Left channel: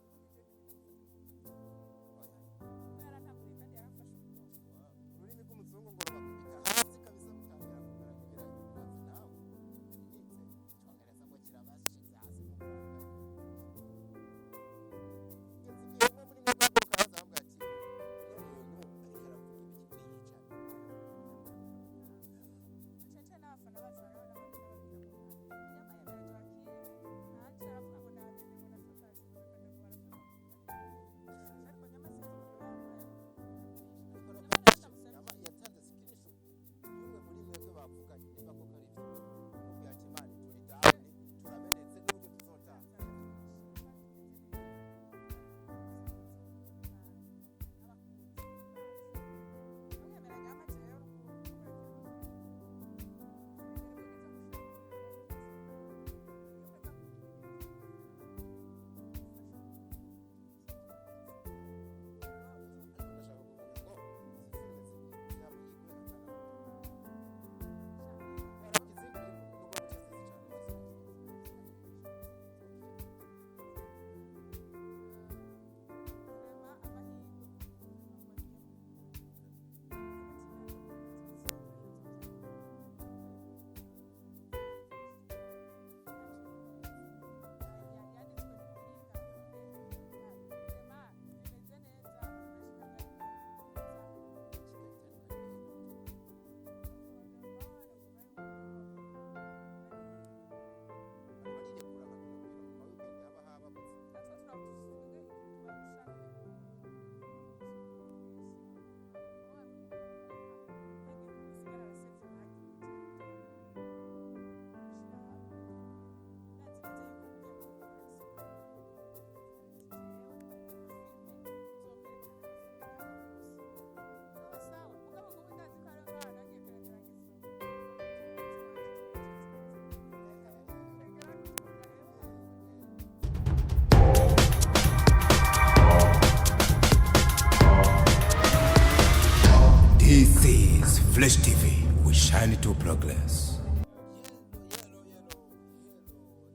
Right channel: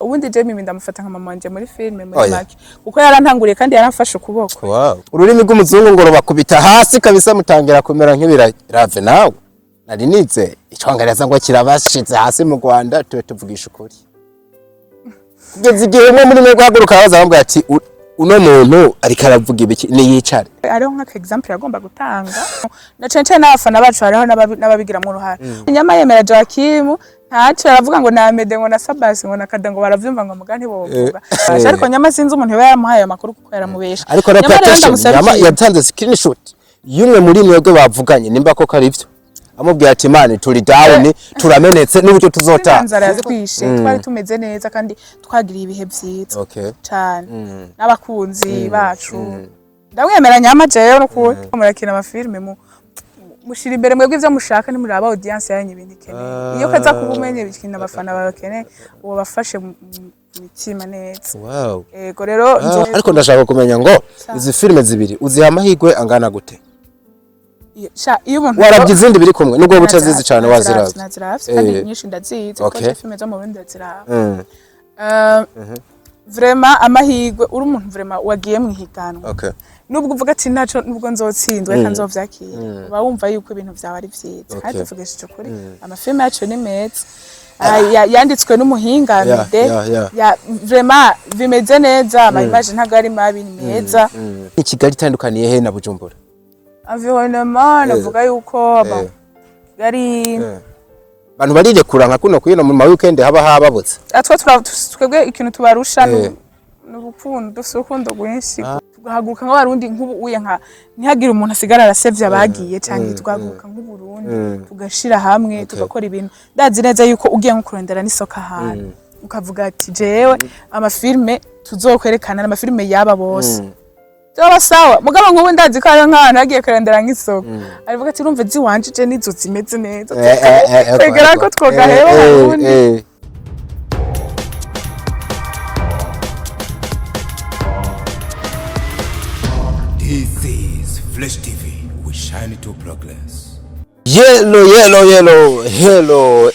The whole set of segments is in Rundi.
ubundi je mimi ndamufata nka mama wanje muri filme muri make kuko yarantanguriye kandi yaramfashe ukuboko. Wow. Ururimi rw'umuzungu ngo rubakubita hasi kabisa mutangira kumera nk'ibirave nawe. Nari nize icongereza ngo kirabashize hasi mu Rwanda tuvugisha ukuri. Kugeza igihe umwe muri mwe guhaguruka baza bambwira ati uno muntu ariko aravuga ibiki ni yicare. Ariho nka example yagomba gutanga. Na cence n'abafana bacu hariho n'ababigira mu ruhara. Nyama yemera Joakim ntacu aravuga ngo namede ngo na Sabasi ngo nakada ngo baravyumva ngo mugani bovuga. Ariko nyama sinzi umuntu we yamuhaye amakuru kuko yaramubesha. Ariko reputation nyama yatanze screenshot yumwe muri mwebwe bavuganye nimba ko karivyo. Amubwiye ati mani turi down turamenetse n'uburyo tuzota. Nzara yazikwishe twari tumeze neza kandi twagiriye ibihe byiza. Okay. Cyane. N'abakunzi bacu. Ndamwemera nyama jeyo no ko murakina amafilme mushira imbere mwebwe ivyo mushaka ni muri aba audience yanyu ibindi keneye. Iyo kaza kubumenye bikina abafana babakene uwo bafashe mitima neza. Wow. Ego rero ariko ndashaka kumenya ngo izi filme zibiri uziha amahigwe angana gute? Iyo umuntu warabye izindi biri kumwe nubwo butazizi cyane waziravye. Naziravye kandi nyinshi ndazizi kuko filme zo mu bindi ndaziravye. Vraiment amahigwe uri umuntu vraiment wagiye mu higanwa. Okay. Nubwo uvuga ati naco nubwo nzotsindwe kandi nzovyakira. Uba wumva yuko ibintu byawe ari vyiza. Kandi tuvugesheje ukuri amafilme yacu ni meza. Yanditswe n'umuhinga ya vraiment bimeze neza ama image ntago ari mabi ni meza. Kigali itandukaniye he na Bujumbura? Environnement navuga yuko yari bantu barije kuranka kuno kuyino mu weekend haba hababutse. Atwa twebwe ikintu tubarusha n'urukundo dusukundo gwinshi tugahaguruka nk'abarundi nk'ubu uye nka ntihagira umuntu asigara arasevye abagiye cyangwa tugahaguruka nk'uburundi tugashira hamwe tugakora ibintu ndazi neza yuko ugiye nko kurondera n'isoka ahantu ukavuga ati jewe amafilme tuzokwerekana amafilme yaba bose Toba sawa mugabo nk'ubu ndazi ko ari nk'ahantu hagiye kurondera nk'isoko arivuga ati urumva ziwanje je nizo zimeze neza kwegera ko twogaheba abarundi. This is Flash TV. We shine to progress. Hello,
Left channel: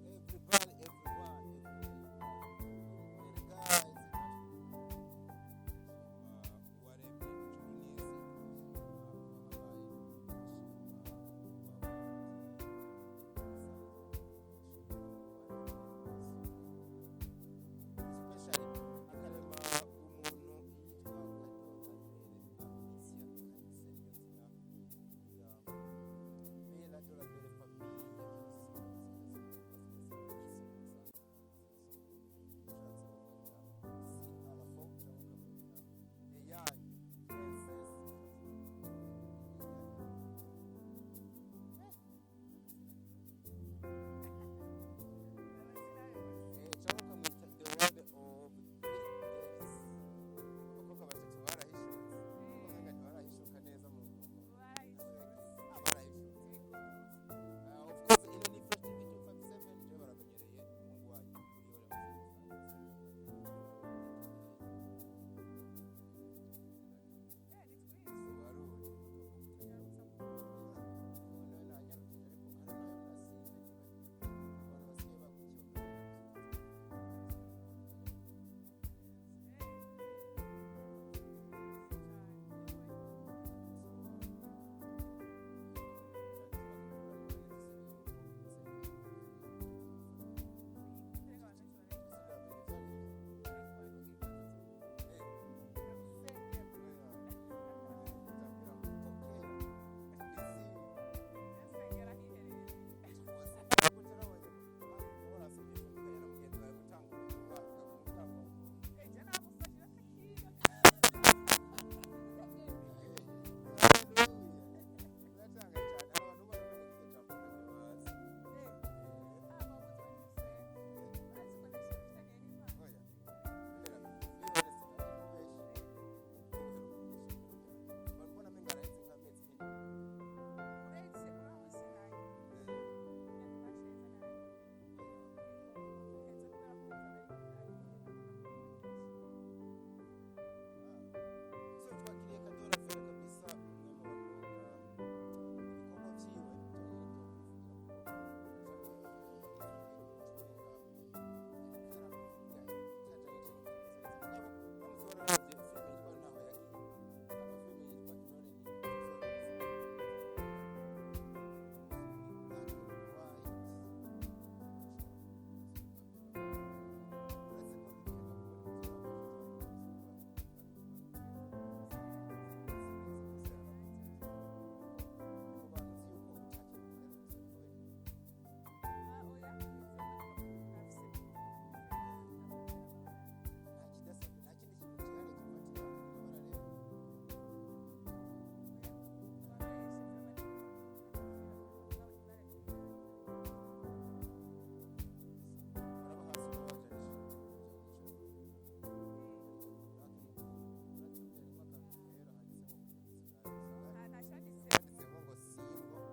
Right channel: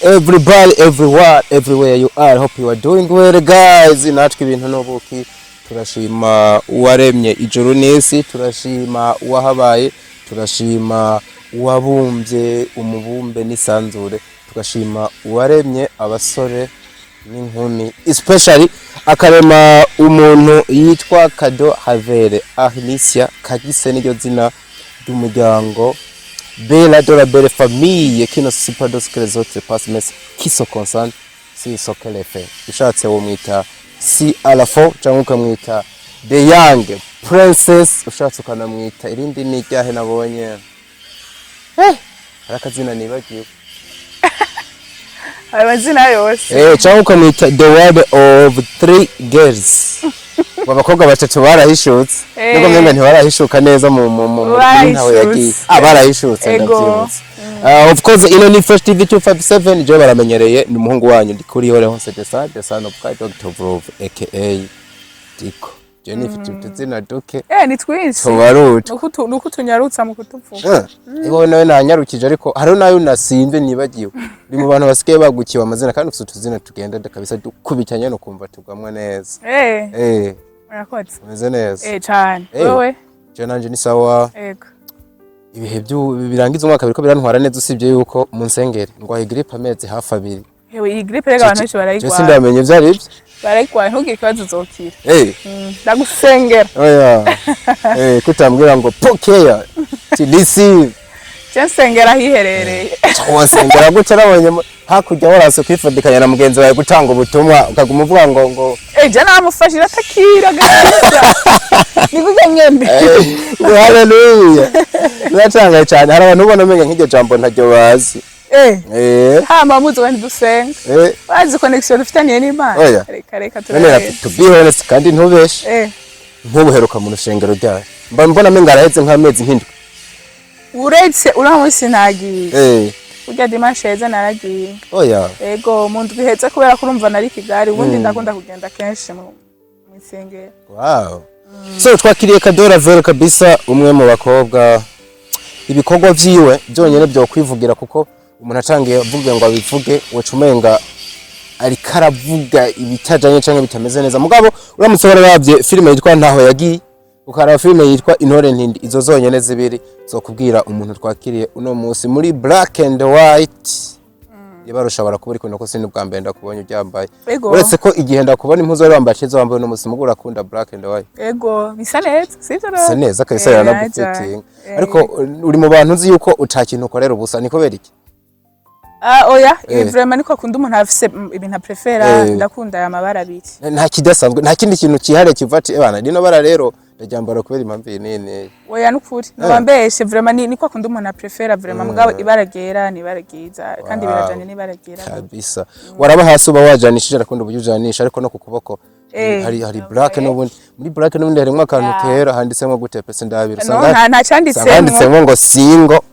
everybody, everywhere you are. Hope you are doing well, guys. Natwe ibintu nobuki turashima uwaremye ijuru n'isi, turashima uwahabaye, turashima uwabumbye umubumbe n'isanzure, tugashima uwaremye abasore n'inkumi, especially akarema umuntu yitwa Kado Havere Ahnisia Kagise n'iryo zina ry'umuryango Bella de la belle famille qui ne suit pas d'autres que les autres parce mais qui se concentrent si ce qu'elle fait. Ushatse wo mwita si à la fois cyangwa ukamwita the young princess, ushatse ukanamwita irindi ni ryahe nabonye arakazina nibagiye abazina yose cyangwa ukamwita the world of three girls. Abakobwa batatu barahishutse niko mwenga ntibarahishuka neza mu ntawe yagiye barahishutse ndabyibutse. Of course ino ni Fresh TV 257 je baramenyereye ni umuhungu wanyu ndikuri yore hose the son of Dr. Vrov aka Diko Jennifer tutuzina duke ni twinshi tubaruta nuko tunyarutsa mu kutuvuga ego nawe nanyarukije ariko hari nayo nasimbe nibagiwe ndi mu bantu basigaye bagukiwe amazina kandi ufite utuzina tugenda kabisa dukubitanye no kumva tugamwa neza murakoze umeze neza cyane wewe je nanje ni sawa ego ibihe birangiza umwaka biriko birantwara neza usibye yuko mu nsengere ngwaye grippe amezi hafi 2. Hewe iyi grippe rega abantu barayigwa. Je sindamenye vyari ibyo. Barayigwa ntugire kibazo uzokira. Ndagusengera. Oya. Kutambwira ngo pokeya. Tidisi. Cyensengera hiherereye. Wasengera gute nabonye hakurya warase kwifadikanya na mugenzi wawe gutanga ubutumwa ukaguma uvuga ngo je namufashira takira gashya. Nikuge nyembe. Hallelujah. Natanga cyane hari abantu ubona menye nk'iryo jambo ntajyo bazi. Hama muzo wandi dusenga. Bazi connection dufitaniye n'Imana. Reka turare. To be honest kandi ntubeshe. Ntubuheruka mu rushengero ryawe. Mbona menga araheze nk'amezi nk'indwi. Uretse uramusi nagiye. Ujya dimanche heza naragiye. Oya. Ego mu ndwi heza kubera ko urumva nari Kigali ubundi ndakunda kugenda kenshi mu isengero. Wow. So twakiriye Kadora Vero kabisa umwe mu bakobwa ibikorwa vyiwe byonyene byo kwivugira kuko umuntu atangiye avuga ngo abivuge wacumenga ariko aravuga ibitajanye canke bitameze neza mugabo uramutse warabye filime yitwa ntaho yagiye ukaraba filime yitwa Intore Ntindi izo zonyene zibiri zokubwira umuntu twakiriye uno munsi muri Black and White yabarusha barakubura iko nako sindi bwa mbere ndakubonye uryambaye uretse ko igihe ndakubona impuzo wari wambaye cyiza wambaye no munsi mugura akunda Black and White ego bisa neza sivyo bisa neza kabisa yaranagufitinga ariko uri mu bantu nzi yuko utakintu ukorera ubusa niko beriki oya vraiment niko akunda umuntu afise ibintu prefera ndakunda aya mabara abiri nta kidasanzwe nta kindi kintu kihare kivati bana rino bara rero ndaryambara kubera impamvu nene oya nukuri nabambeshe vraiment niko akunda umuntu prefera vraiment mugabo ibara gera ni bara giza kandi birajanye ni bara gera kabisa waraba hasi uba wajanishije arakunda ubujujanisha ariko no ku kuboko hari black n'ubundi muri black n'ubundi harimo akantu kera handitsemo gute pese ndabira usanga nta cyanditsemo ngo singo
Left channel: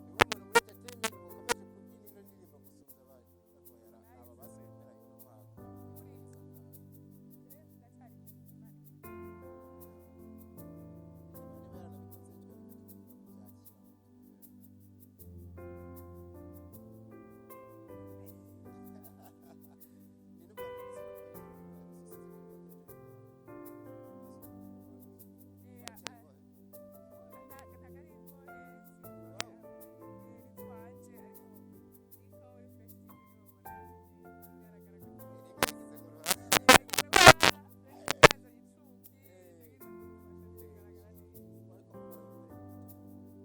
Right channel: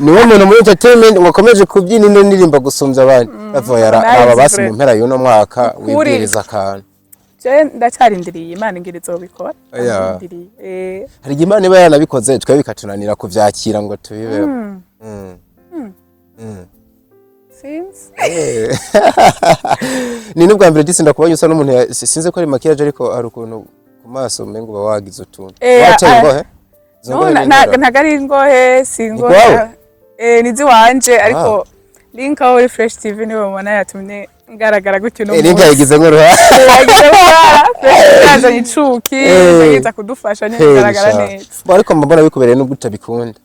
niwe muntu muri entertainment wakomeje kubyina ino ndirimba gusumbya abandi bavoyara aba basi mu mpera y'uno mwaka wibwiriza akantu je ndacarindiriye Imana ngire zobikora hari Imana iba yanabikoze twe bikatunanira kuvyakira ngo tubibeho ni nubwa mbere disi ndakubonye usa n'umuntu sinze ko ari makiyaje ariko ari ukuntu ku maso umengo bawagize utuntu wacaye ngohe ntagari ngohe singohe nizi wanje ariko link aho Fresh TV niwe mubona yatumye ngaragara gutyo no link yagize nk'uruha yazanye icuki yagize kudufasha ngaragara neza ariko mbona bikubereye no gutabikunda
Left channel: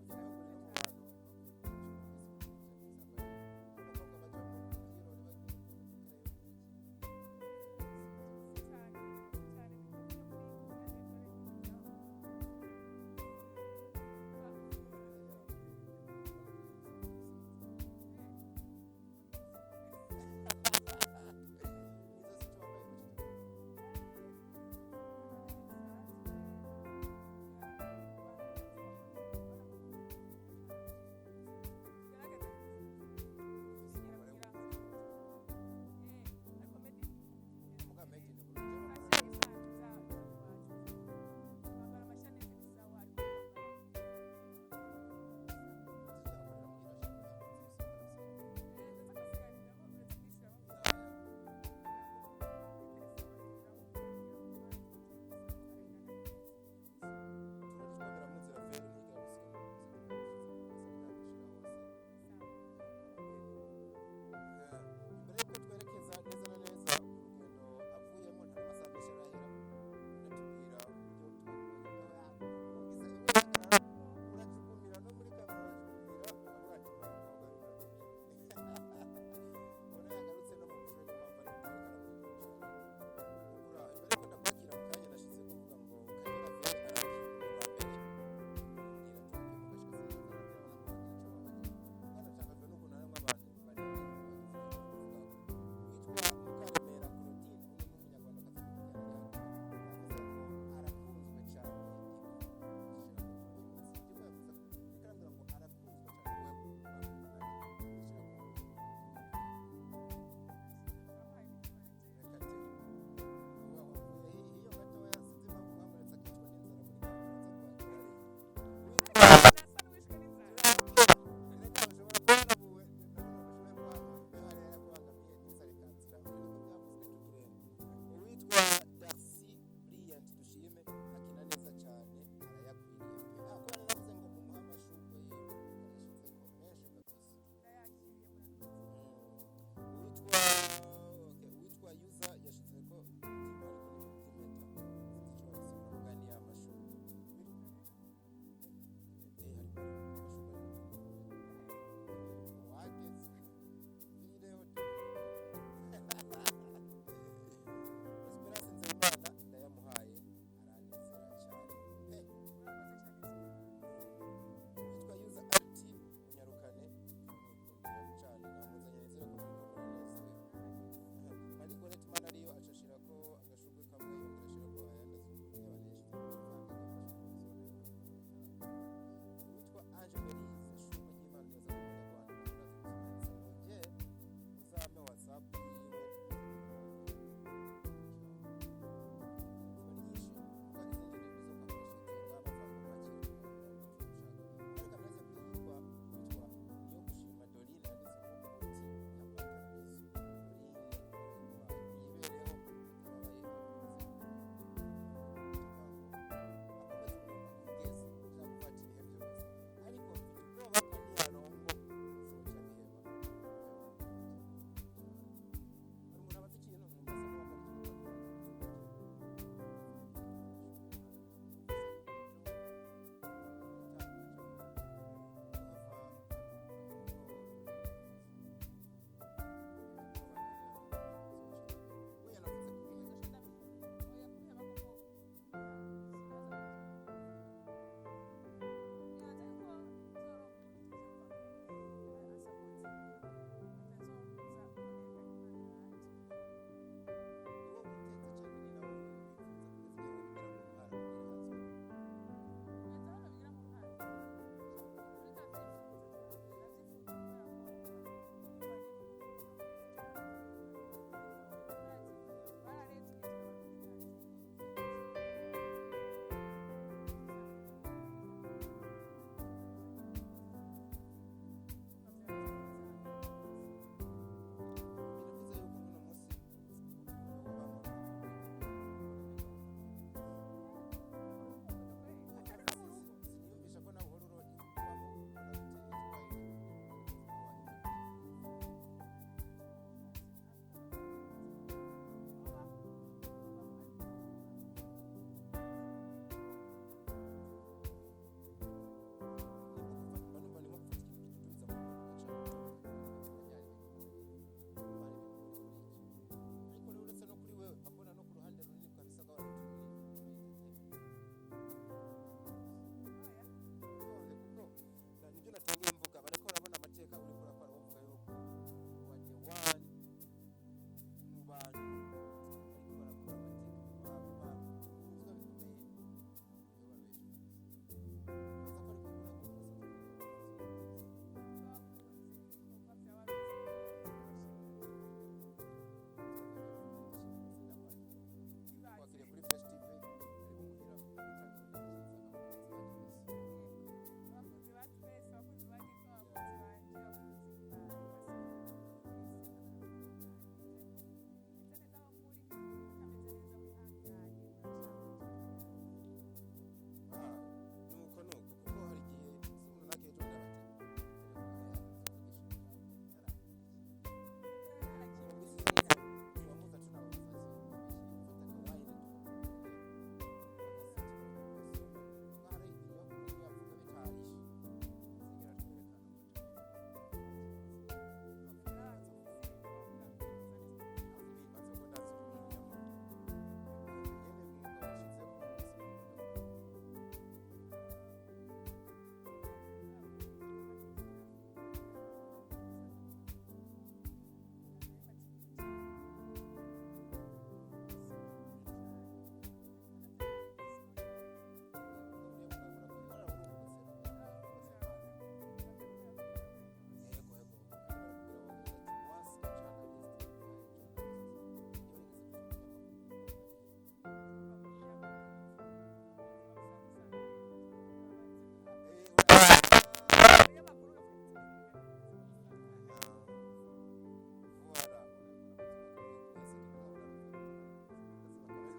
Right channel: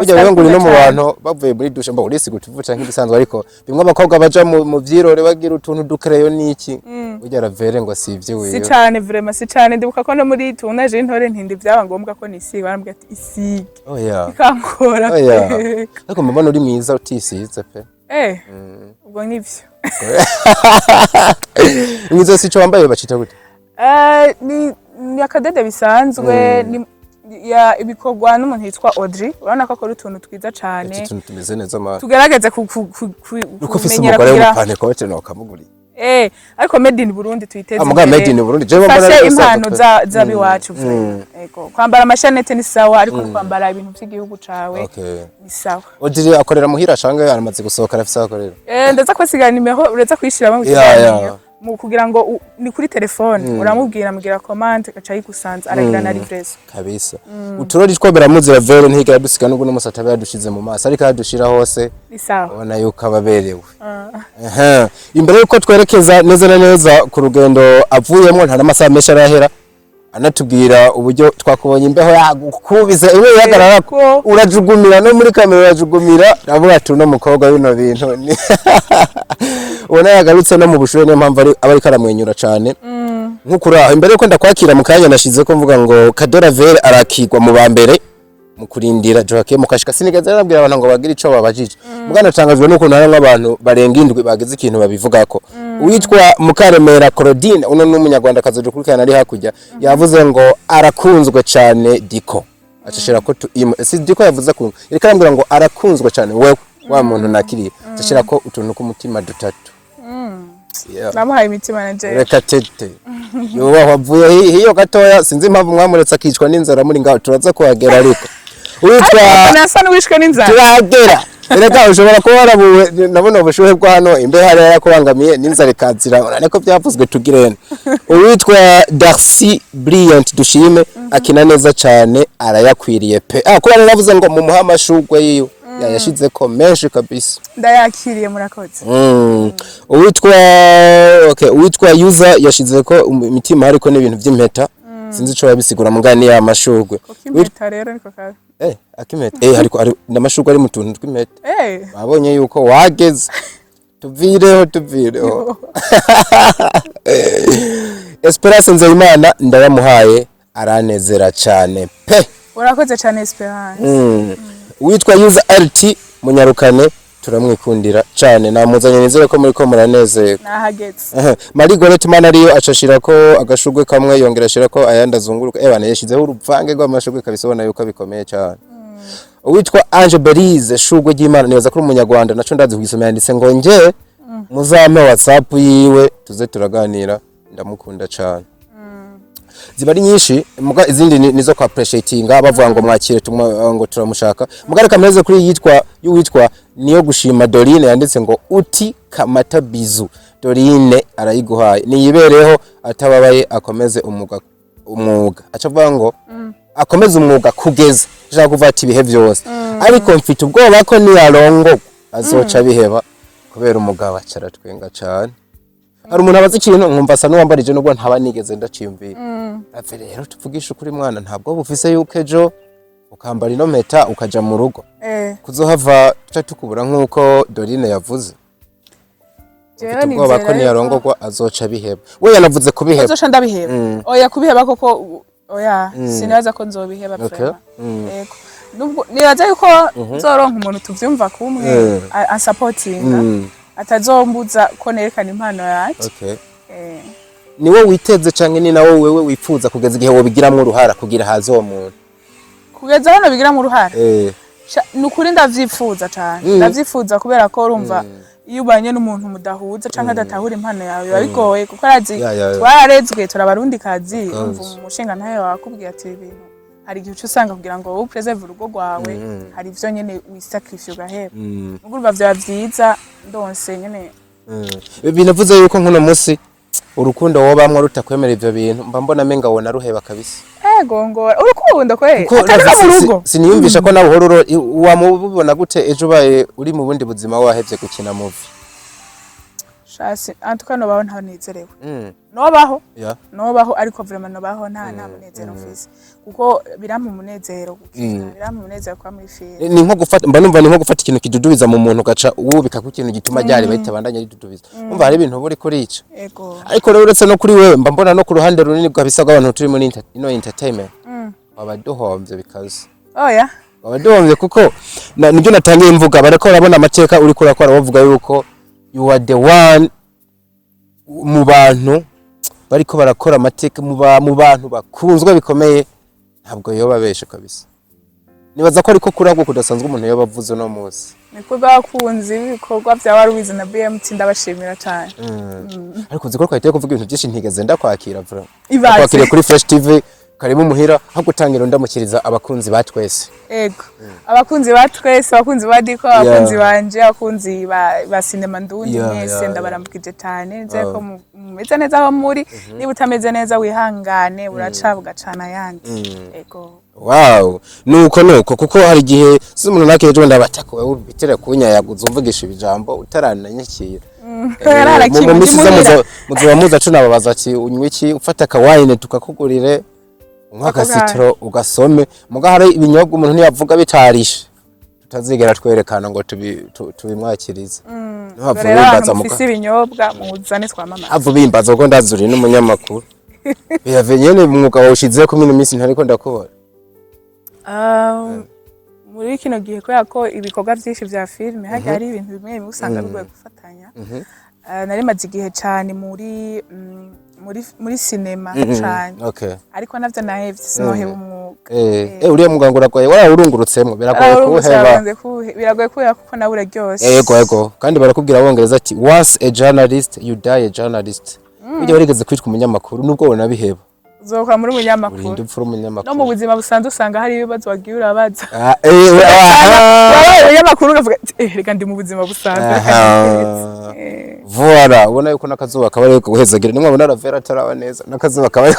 ujya wewe nguri no mu bantu bavuye muri dushe mba urisi gutuvuca nk'ibisanzwe ariko bimwe abakobwa baja mu vyirore bagira utuntu dukereyo niki ujya ravere ngo sivye wewe si cyane vraiment si cyane ndibuka ko no muri tunaje Intore Ntindi byaba ngombwa ko nisi barambye ati isige ikankora ariko mbona uri mwiza utisize pe ubwo nivyo mwiza si cyo wambaye bacita gute ni akadede bisanzwe ya ibikorwa n'umuntu yitwa Audrey urabona ko akora utuntu twiza cyane utuntu tumeze neza ma tugerageze kumenyera kugira pane kote no kamuguri ariko made in Burundi tuyiteze imbere made in Burundi je mbona impano zabiwacu ego kwambara amashanete ni sawa ariko kwambara ibintu by'igihugu cawe ni sawa Audrey akorera muhira shange aramaze gusohoka afise akorera ndaza kwasigana nimero ureza kwishiramo mu kiganiro mu kugira ngo ni kuri telefone uramubwira mugira commande gaca yigusanza aragira na livrezo kabisa uturori twobera muzira vero ntigira dusika n'ubwo n'umusata yadushize mu maso ariko yadushira hose isawa ubona yuko ababerewe imbere yuko twerekeza neza na neza ku rugendo avuyemo nta n'amasaha menshi arahera anatubwira uburyo twakubonye imbeho yagukubiza iwe yagarara ko urajugumira no muri kamera urajugumira avuga ati no mukobwa bino bintu ubona yagarutse no mu bushuhe niyo mpamvu aba ariko aramwenyura cyane nk'ukuraho imbere yuko ndakwakira mu kanya nashize ko mvuga ngo Kadora Vere arakigwa mu ba mbere mu kurindira Joaquin mukashika sinigaze arabwira abantu ngo bagire ico babajije mugana tangazwe nuko nari nk'abantu barenga indwi bageze ikintu babivugako uwitwa Mukaremera Claudine uno n'umunyarwanda kazoje kurikana ari hakujya yavuze ngo arakunzwe cyane Diko acishira ko si Diko yavuze ko reka arambwira ngo arakunzwe cyane wewe wa muntu nakiriye acishira ko utuntu k'umutima dutatu namuhaye imitima na Jay reka tete yoba wavuye hiyo gatoya sinzi impamvu mwamuretse akicwa n'inzara muri ngaho turaza kuhagera ariko witwa nasa n'wishwe n'inzara turagera reka ushobora kuba warabuwe nabona ubushuhe bwa hano imbe hari yakubangamiye n'inzara ikazira urane ko byavuzwe tugirene uwitwa Darcy Brilliant dushime akina neza cyane arayakwiriye pe kuba naravuze ngo mu muhamashugwe yiyo yashize ko menshi kabisa ndayakiriye murakoze uwitwa user yashize ko imitima hariko n'ibintu by'impeta sinzi ico yabisigura mugani ya mashugwe impeta rero niko kazi akimeta hariko ari namashugwe ari mu tuntu tw'impeta babonye yuko wageze tuvireho Esperance Nzeyimana ndayamuhaye aranezera cyane pe urakoze cyane Esperance witwa user RT munyarukane turamwikundira cyane namuzanye nizere ko muri ko muranezerwa nahageze Marie Gorette man ariyo acashira ko agashugwe kamwe yongera ashira ko ayandi azunguruka ebana yashizeho urupfange rw'amashugwe kabisabona yuko bikomeye cyane uwitwa Ange Berize shugwe ry'Imana neza kuri umunyarwanda naco ndazi kugisoma yanditse ngo nje muzame WhatsApp yiwe tuze turaganira ndamukunda cyane ziba ari nyinshi muga izindi nizo kwa appreciatinga bavuga ngo mwakire ngo turamushaka muga reka meze kuri yitwa niyo gushima Dorine yanditse ngo uti kamata bizu Dorine arayiguhaye niyibereho atababaye akomeze umwuga acavuga ngo akomeze umwuga kugeza shaka kuva ati bihe byose ariko mfite ubwoba ko niyarongo azoca biheba kubera umugabo acaratwenga cyane hari umuntu abaza ikintu nkumva asa n'uwambarije nubwo ntaba nigeze ndacimvira ave rero tuvugisha ukuri mwana ntabwo bufise yuko ejo ukambara ino mpeta ukaja mu rugo kuzohava tuca tukubura nk'uko Dorine yavuze ubwoba ko niyarongorwa azoca biheba we yanavuze kubiheba azoca ndabiheba oya kubiheba koko oya sinaza ko nzobiheba prema yego nubwo nibaza yuko nzoronka umuntu tuvyumva kumwe supportinga atazombuza ko nerekana impano yanje niwe witeze canke ni nawe wewe wifuza kugeza igihe wobigiramwo uruhara kugira hazo umuntu kugeza hano bigiramwo uruhara nukuri ndavyifuza cane ndavyifuza kubera ko urumva iyo ubanye n'umuntu mudahuza canke adatahura impano yawe biba bigoye kuko arazi twararezwe turabarundi kazi umva umushinga ntayo wakubwiye ati ibintu hari igihe usanga kugira ngo wowe preserve urugo rwawe hari ivyo nyene wisacrifice ugaheba urumva vya vyiza ndonse nyene binavuze yuko nkuno musi urukundo wobamwe rutakwemera ivyo bintu mba mbona menga wona ruheba kabisa ego ngo urukundo kwe atari mu rugo siniyumvisha ko nawe hororo wamubona gute ejo baye uri mu bundi buzima wahevye gukina movie shasi antukano baho nta nezerewe nobaho ariko vraiment nobaho nta munezero mfise kuko birampa umunezero kwa muri film ni nko gufata mba numva ni nko gufata ikintu kidudubiza mu muntu gaca wubika ku kintu gituma ryari bayitabandanya ridudubiza umva hari ibintu buri kuri ico ariko rero uretse no kuri wewe mba mbona no ku ruhande runini bwabisa bw'abantu turi muri entertainment abaduhomvye bikaze oya abaduhomvye kuko nibyo natangiye mvuga barako urabona amateka uri kurakora bavuga yuko you are the one mu bantu bariko barakora amateka mu bantu bakunzwe bikomeye ntabwo yoba beshe kabisa nibaza ko ariko kuragwo kudasanzwe umuntu yoba avuze no muzi niko bakunzi ibikorwa bya Warubizi na BMT ndabashimira cyane ariko uziko twahiteye kuvuga ibintu byinshi ntigeze ndakwakira vra kwakire kuri Fresh TV karibu muhira aho gutangira ndamukiriza abakunzi batwese ego abakunzi batwese abakunzi badiko abakunzi banje abakunzi ba cinema ndundi mwese ndabarambukije cyane nze ko mumeze neza aho muri niba utameze neza wihangane uraca bugacana yandi ego wow nuko kuko hari igihe umuntu nakeje ndabatako wewe bitera kunyayaguza umvugisha ibijambo utarananyakira mu misiza muzuba muza cunababaza ati unywe iki ufata kawine tukakugurire umwaka sitro ugasome muga hari ibinyobwa umuntu ntiyavuga bitarishe tutazigera twerekana ngo tubimwakirize ntabwo bimbaza mu ibinyobwa muzane twamama avo bimbaza ko ndazuri n'umunyamakuru biyavenyene umwuga wawushize ko mino minsi ntariko ndakubona muri kino gihe ko ibikorwa byinshi vya filme hari ibintu bimwe usanga bigoye gufatanya nari maze igihe cyane muri cinema cyane ariko navyo nahevye sinoheba umwuga uriya muganga uragoye urungurutsemo biragoye kubera kuko nawe uraryose yego kandi barakubwira abongereza ati once a journalist you die a journalist ujya warigeze kwitwa umunyamakuru nubwo wona biheba uzoka muri umunyamakuru urinde upfura umunyamakuru no mu buzima busanzwe usanga hari ibibazo wagiye urabaza umunyamakuru ukavuga reka ndi mu buzima busanzwe voilà ubona yuko nakazuba kabari guhezagira nimwe abona ravera taraba neza nakazuba kabari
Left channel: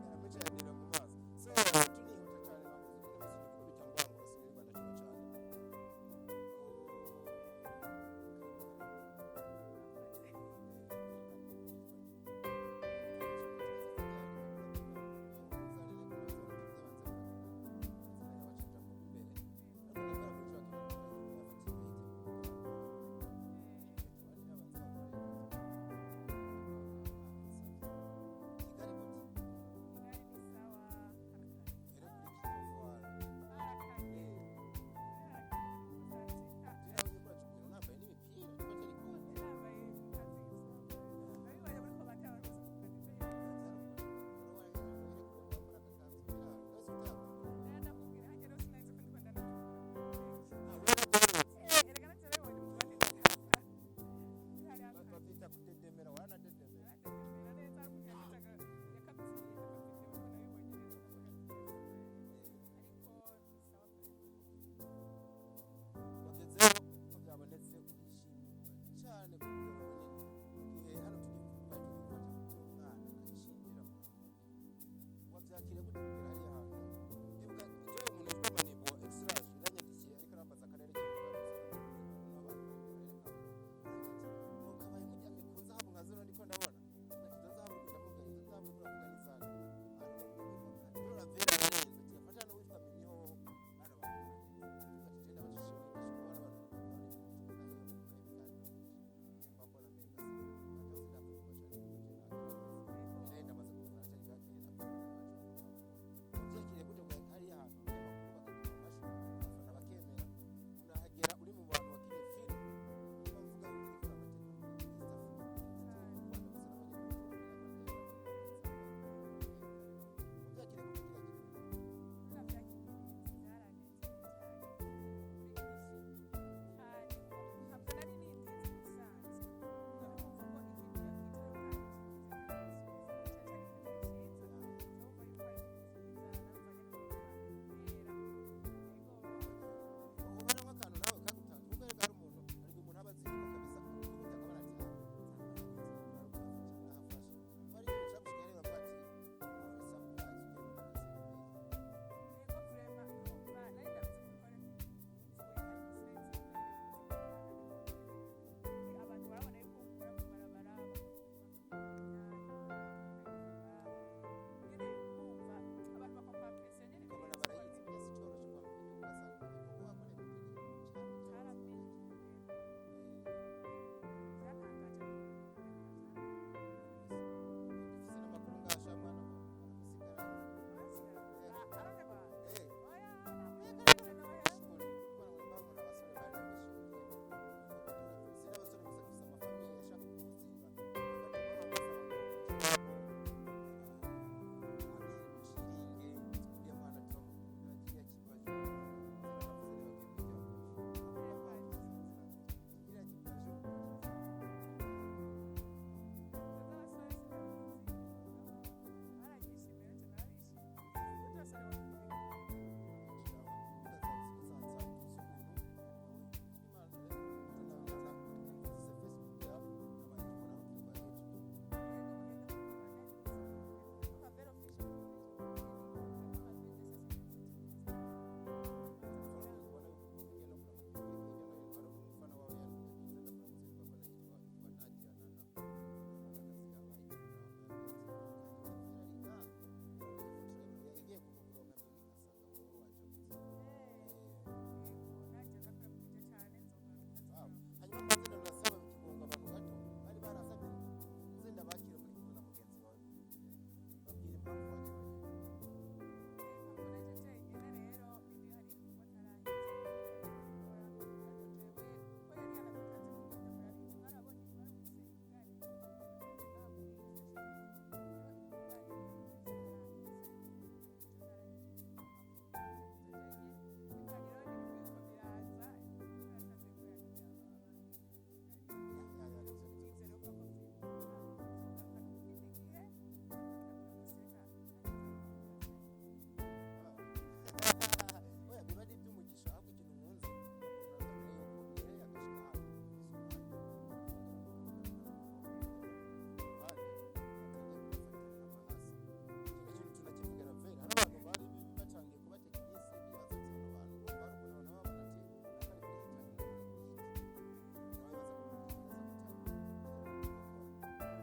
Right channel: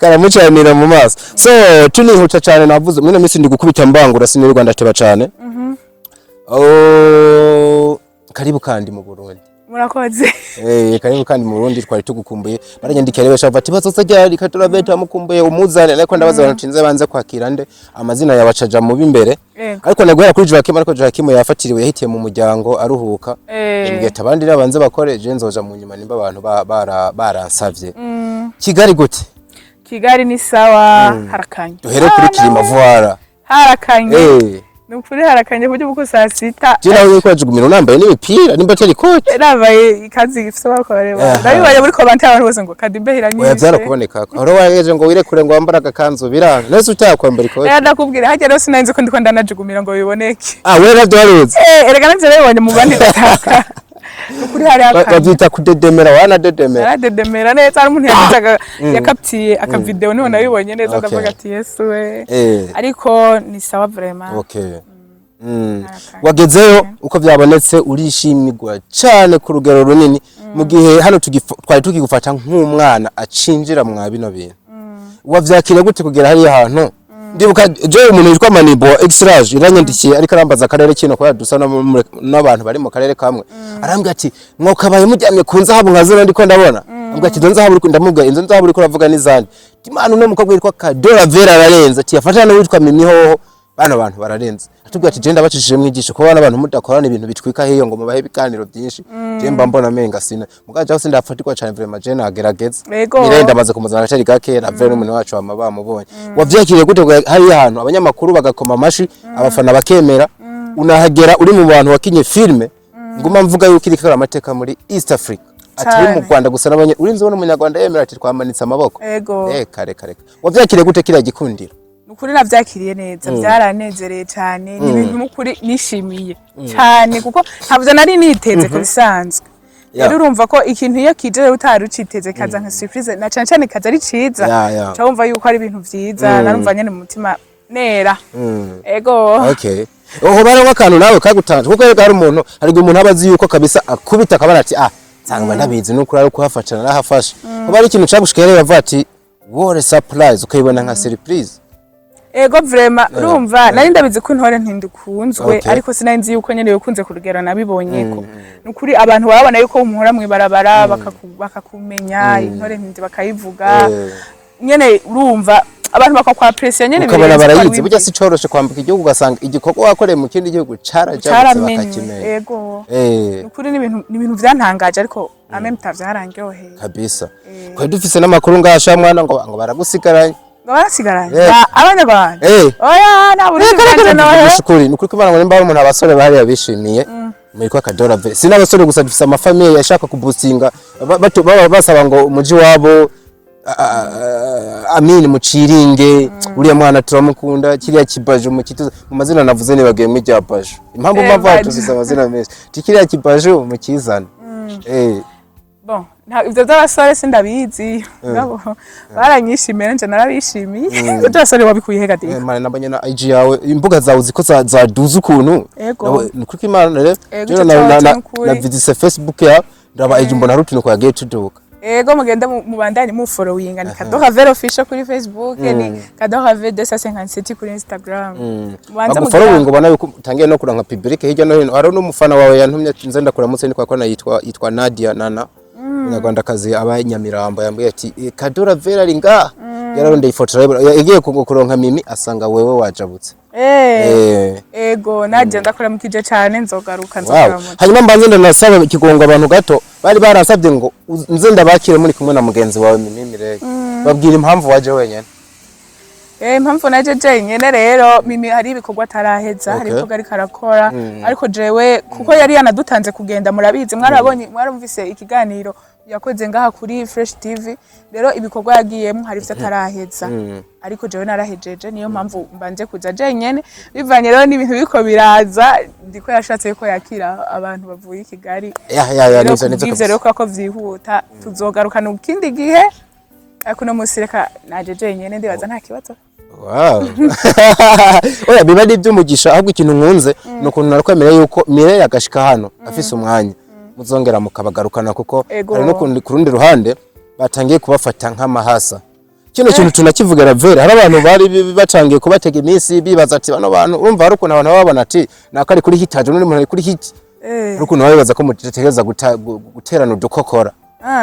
karamucanira mu maso so tunihuta cyane navuze mwene misi ndi gukubita mbangura siniri Rwanda teba cyane karibu kandi mu Burundi murakoze karibu kandi mu Burundi twari tugukumbuye baranyandikira rero shava ati bazoza ryari katuraveta mukumbuye umuzane ariko ndabaza abantu cinze banze kwakira nde amazina yabacaja mu bimbere ariko naguhera kuri Joakim ariko Joakim yafatiriwe yahitiye mu muryango aruhuka ingeta abandi rabanze bakore je nzoja mu nyuma nimba abantu baransavye Kigali gute Kigali ni sawa harakanye duhere kuri Kirima Voila harakanye nukuri harakanye buryo buko saa sita jina wewe kwa jugumira nambaye n'imipira nimba tari kote nabaye ikazi gifite bakoreba ndabibaye muri comment abantu bose ngo kadimbe hiranyije oya byara kuboneka aho wayeje ngo wirekure ngo wambara agakanzu biranga nese utakwambara ikote ndakubwira hajya rero sinanze ko ndiko ndanajugumira ngo biboneke wewe navyo waruzi erega navyo rero mu bandi bataka nukuri hari akandi bavyita kudedemera wanadedemera yaradedemera neza ari umuntu yagizaga yakaptiye aka video niho nabibonye neza ndavuga ati Yesu we ariko ni sawa vraiment okay wagezeyo uko byabonetse urishimirwa cyane ku rugero runini mu gihe hano twari tukigufata nk'umwana acinjira mwa bino bintu wavyakira gute kugera hari ahantu ndibuka je umuntu yitwa Manibo Extrage iranyandikiye ariko arambaza akarere kino kwa dusa n'abantu bari mu karere kamwe arambwira ati mwokabaye mujyamye kunza habo nkazana ndiko ndabona ambwira ati donza habo ndamubwira inzo nza habo uravuga n'izandi imana no mukobwa yitwa Kadora Vera ararenza ati yafatana witwa Mimi hoho bana abantu bararenze atubwira ati je ndabacishije mwigisho ko bana abantu mudakorana ibintu bitwika heyo ngo mubahe bikaniro byinshi je mba mbona menga sina mugaje aho sindafatikwa cyane vraiment je nagerageza irenda maze kumuzana cyari gake na Vera umuntu wacu amaba mubonye wavyakiriye gute hari ahantu abanyamakuru bagakoma amashi abafana bakemera unahagera uri mu bantu wakinye filme nguma mvuga yuko iri kara amateka muri East Africa atari mu Rwanda gusa nabonye urinzi wo umunyarwanda yemera ati twamanitse amaboko kare wavyakiriye gute kira gikundira ukuri navyakiriye neza byaranezereye cyane ni ibintu mukuri nishimiye cyane kuko ntabwo nari niteze ku bisanzwe rero urumva ko ikintu iyo kije utari uciteze kaza nka surprise na cyane kaza ari ciza cyumva yuko ari ibintu vyiza narumva nyene mu mutima nera okay oho baronka akantu nawe kagutanje kuko hari umuntu hari umuntu abazi yuko kabisa akubita akabana ati nsanga ndabizi nuko ari kuhafatana nahafasha kuba ari ikintu cyagushikere yavuga ati wore surprise ukayibona nka surprise vraiment urumva nari ndabizi ko intore ntindukunzwe ariko sinanzi yuko nyene yokunze kurugera nabibonyeko nukuri abantu babona yuko umuhora mwibarabara bakakumenya intore ntindi bakayivuga nyene urumva abantu bakakwa pressure nyene ukabona barayizi burya si coroshe kwambuka igihugu ugasanga igikorwa wakoreye mu kindi gihugu carajabutse bakakimenya nukuri ni ibintu vyantangaje ariko ameme tavyarangiroheye kabisa kwa dufise n'amakuru ngasha mwana ngo baragusigaranye barasigaranye abanyarwanda oya naburikanje nawe shukuri nukuri kubana ngo nimba umuntu abasore bahari yabishimiye muri kwa Kadora Vera sina abasore gusa dufise amafamiye yashaka kuboostinga basaba ngo umuji wabo Amini muciringe uriya mwana turamukunda kiriya kibajo mu kituza mu mazina navuze ni bagiye mu ryabajo impamvu mpava tufise amazina menshi tikiriya kibajo mu kizana bon ivyo by'abasore sindabizi ngabo baranyishimira nje narabishimiye ivyo by'abasore wabikuye hega dika mane nabanye na IG yawe imbuga zawe ziko zaduza ukuntu nuko imana rero na vidise Facebook ya ndaba IG mbona rutino kwa get tuduka mugenda mubandanye mu following ni Kadora Vera official kuri Facebook ni Kadora Vera 257 kuri Instagram banza mu following ubona yuko utangiye no kuranka public hirya no hino hari n'umufana wawe yantumye nze ndakuramutse ni kwa kona yitwa Nadia Nana Umunyarwandakazi abanyamirambo yambwiye ati Kadora Vera ringa yararondeye ifoto yagiye kuronka Mimi asanga wewe wajabutse naje ndakora mukije cyane nzogaruka hanyuma mbanze ndanasaba ikigongo abantu gato bari baransabye ngo nze ndabakire muri kumwe na mugenzi wawe Mimi Mirege babwira impamvu waje wenyene impamvu naje jenyene rero Mimi hari ibikorwa taraheza hari ibikorwa ari karakora ariko jewe kuko yari yanadutanze kugenda murabizi mwarumvise ikiganiro yakoze ngaha kuri Fresh TV rero ibikorwa yagiyemo hari ivyo taraheza ariko jewe narahejeje niyo mpamvu mbanje kuja jenyene bivanye rero n'ibintu biko biraza ndiko yashatse ko yakira abantu bavuye Kigali nivyo rero ko vyihuta tuzogarukana ukindi gihe ariko no musireka naje jenyene ndibaza nta kibazo oya biba ari iby'umugisha ahubwo ikintu nkunze nukuntu narakwemereye yuko Mireille agashika hano afise umwanya muzongera mukabagarukana kuko hari no ku rundi ruhande batangiye kubafata nk'amahasa kino kintu tunakivugana Vera hari abantu bari batangiye kubatega iminsi bibaza ati bano bantu urumva hari ukuntu abantu babona ati nakari kuri hitaje n'undi muntu kuri hit ukuntu babibaza ko mutegereza guterana udukokora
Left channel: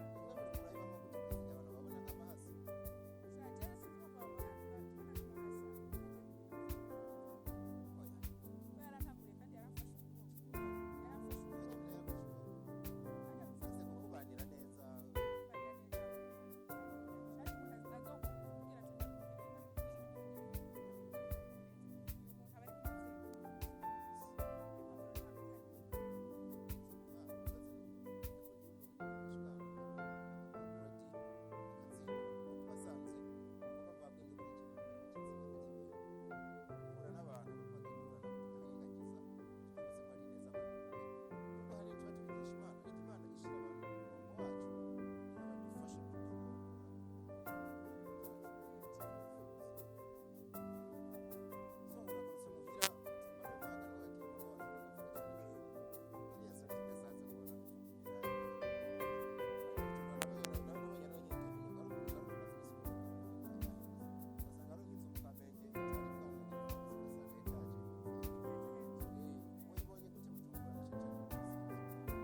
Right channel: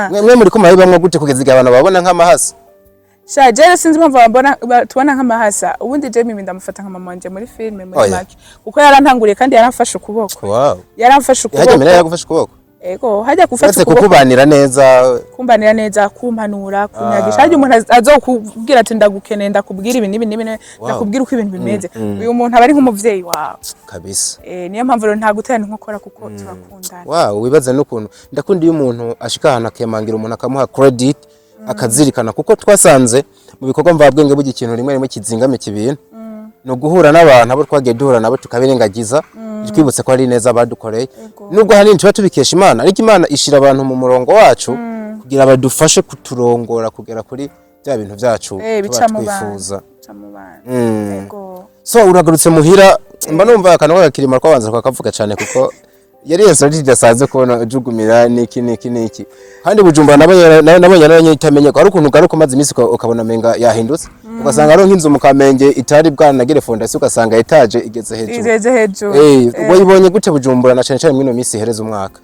mwe muri ko mahibamwe gute kugeza igihe abantu babona nk'amahasa Jere sinzi mpamvu tubona nk'amahasa ubundi je Mimi ndamufata nka mama wanje muri filme muri make kuko yarantanguriye kandi yaramfashe ukuboko yaramfashe ukuboko yaje Mireille yagufashe ukuboko hajya gufasha ukuboko kukubanira neza kumpanura kunyagisha hajya umuntu azokubwira ati ndagukeneye ndakubwira ibi nibi ndakubwira uko ibintu bimeze uyu muntu aba ari nk'umuvyeyi wawe kabisa niyo mpamvu rero nta guterana inkokora kuko turakundana wibaza n'ukuntu ndakunda iyo umuntu ashika ahantu akemangira umuntu akamuha credit akazirikana kuko twasanze mu bikorwa mvabwenge bugi ikintu rimwe rimwe kizingame kibintu no guhura n'abantu abo twagiye duhura nabo tukabirengagiza twibutse ko ari neza badukoreye nubwo hanini tuba tubikesha Imana ariko Imana ishira abantu mu murongo wacu kugira badufashe kuturongora kugera kuri bya bintu byacu tuba twifuza so uragarutse muhira mba numva akanwa gakirima kwabanza kwakavuga cyane kuko yari yeso ridasanze kubona jugumira niki kandi Bujumbura nabonye naranyitamenye ko ari ukuntu garuka maze imisi ukabona menga yahindutse ugasanga ari nk'inzu mu Kamenge itari bwanagire fondation ugasanga etage igeze hejuru wayibonye gute Bujumbura na cyane cyane mwino misi hereza umwaka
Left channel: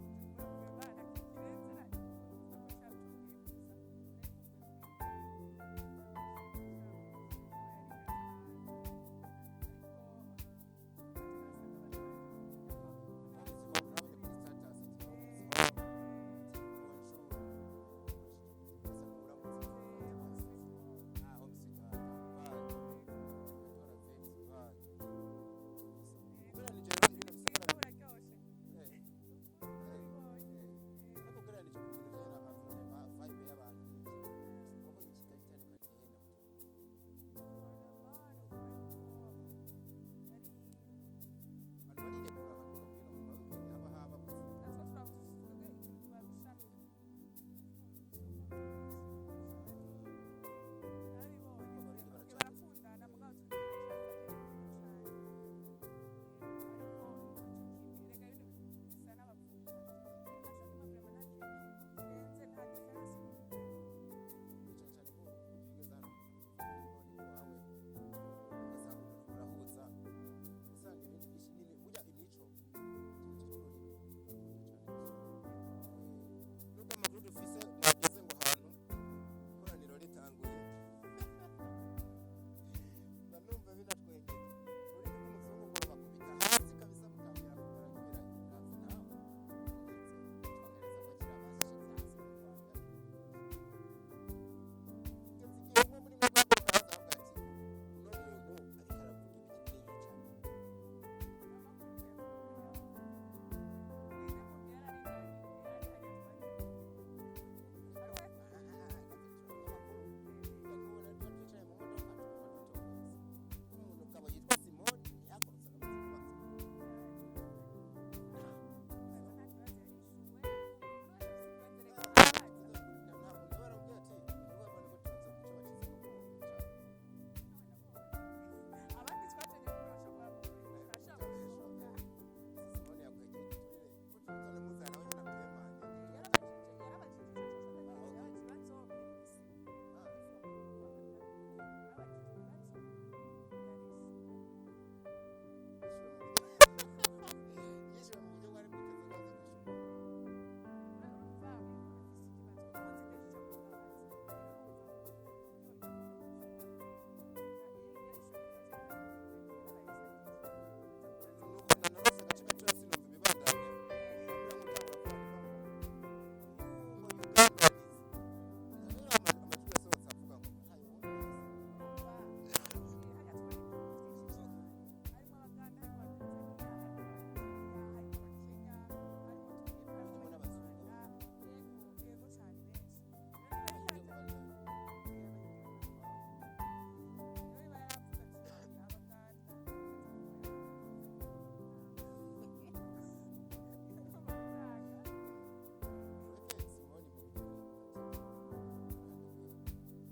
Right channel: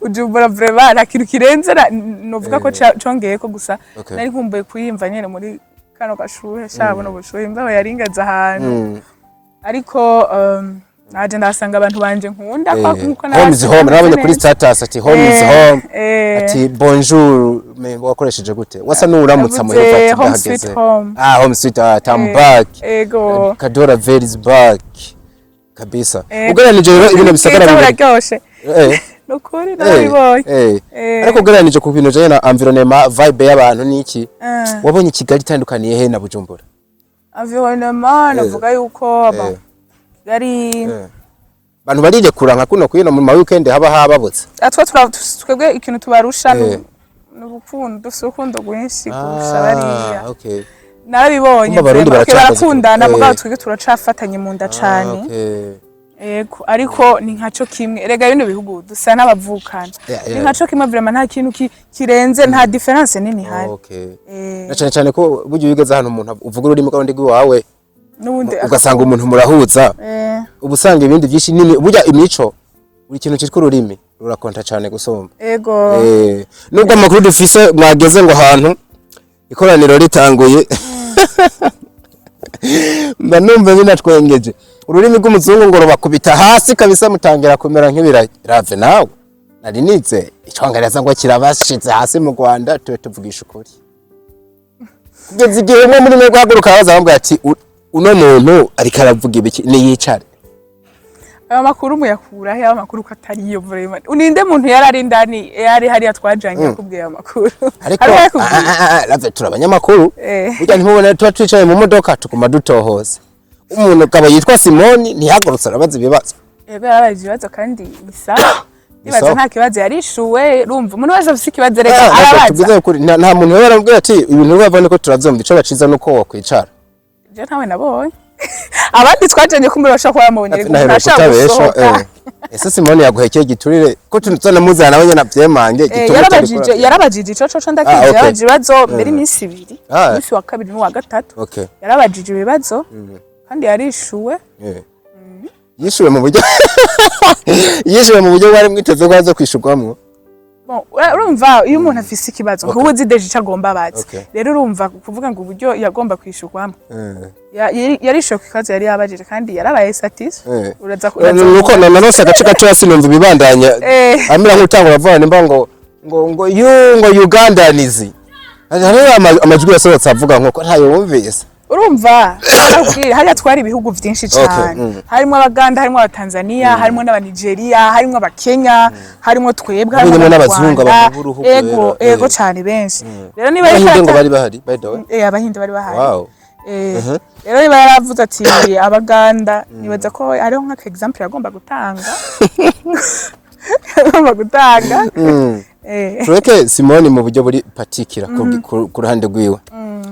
Bujumbura vraiment nakintu kirenze novuga ko congeye ko gusa nari nkumbuye kuyimva nyene muri kano gashuhe shabona ubushuhe imbaho yaringaza ahantu ariko naje ndasanga abantu banje nkunda nkuko home is home nabonye kuri status ati home is home ati bonjour me wakoresheje gute wasa nuramutsa mu yofati bahageze home sweet I'm back ego Kadora very is back kabisa ugereranije rero ibintu bisagara biraryoshe nokuri nabibonye ariko ugereranije ku bintu je na environnement vibe y'abantu niki wabonye Kigali itandukaniye he na Bujumbura environnement navuga yuko Kigali bantu barije kuranka kuno kwino mu ma weekend haba hababutse twebwe ikintu tubarusha n'ubukundo dusukundo gwinshi kurusha bariya narabibonye barakundana mugabo twebwe turacafatanye mu nda cane ego ariko ni nkaco kimwe erega bino bihugu dusa n'abavukana ni nkaco kimwe vraiment nta kintu kirenze nta difference nini hari na cyane cyane ko buryo wigeze hano umuntu uvuga ururimi kandi gwawe ugasanga umuntu murahuza ubusanga ibindi byinshi nini burya imico buri kintu cyitwa ururimi rurakonta cyane gusomba ego nubwo amakuru dufise mwageze ngo ahantu ikoraniro ritanguye mba numva binatwengeje ururimi rw'umuzungu ngo rubakubita hasi kabisa mutangira kumera nk'ibirave nawe nari nize icyongereza ngo kirabashitse hasi mu Rwanda tuwe tuvugisha ukuri kugeza igihe umwe muri mwe guhaguruka baza bambwira ati uno muntu ariko aravuga ibiki ni yicare aya makuru muyakura he amakuru katari iyo vraiment uninde muntu yarari ndani yari hari atwajanye akubwiye amakuru ariko lave turabanyamakuru burya ntibone tuba twicaye mu modoka tukuma dutohoza umuntu kaba yitwa Simoni ntihagurutse arabaza ibibazo yarabaje ibibazo kandi bisaha nibaza nta kibazo yarishuwe rumva umuntu wese afite ikibazo reka arabaza nta muntu yarambwira ati ibintu bavane ko turazomba ico baciza nuko wakwicara je ntawe nabonye abandi twajanye kumurasha kwa mabonye ntashaka gusohoka ese Simoni yaguhekeye giturire ko tunzana muzana nabonye navyemange yarabajije ico ndakije yabaje ibibazo mbere iminsi ibiri iminsi wa kabiri n'uwa gatatu yarabajije ibibazo kandi yarishuwe yishuwe mu buryo wari mwiteze ko aza kwishurwamwo urumva iyo umuntu afise ikibazo nkubuzi deje icagomba abazi rero urumva kuvuga ngo uburyo yagomba kwishurwamo yarishuwe ku kibazo yari yabajije kandi yarabaye satisfait nuko nanose agace gato yasinumva ibibandanya amira nk'utangura vuga nimba ngo Ugandanizi hariho amajwi yasohotse avuga nko ntayo wumvise urumva hariya twari ibihugu vyinshi cyane harimo abaganda harimo abatanzania harimo n'abanigeria harimo abakenya harimo twebwe harimo n'abazungu ababuruhu ego cyane benshi rero niba abahinde bari bahari by the way abahinde bari bahari rero niba yaravuze ati abaganda nibaza ko ariho nka example yagomba gutanga tureke Simoni mu buryo buri patikira ku ruhande rwiwe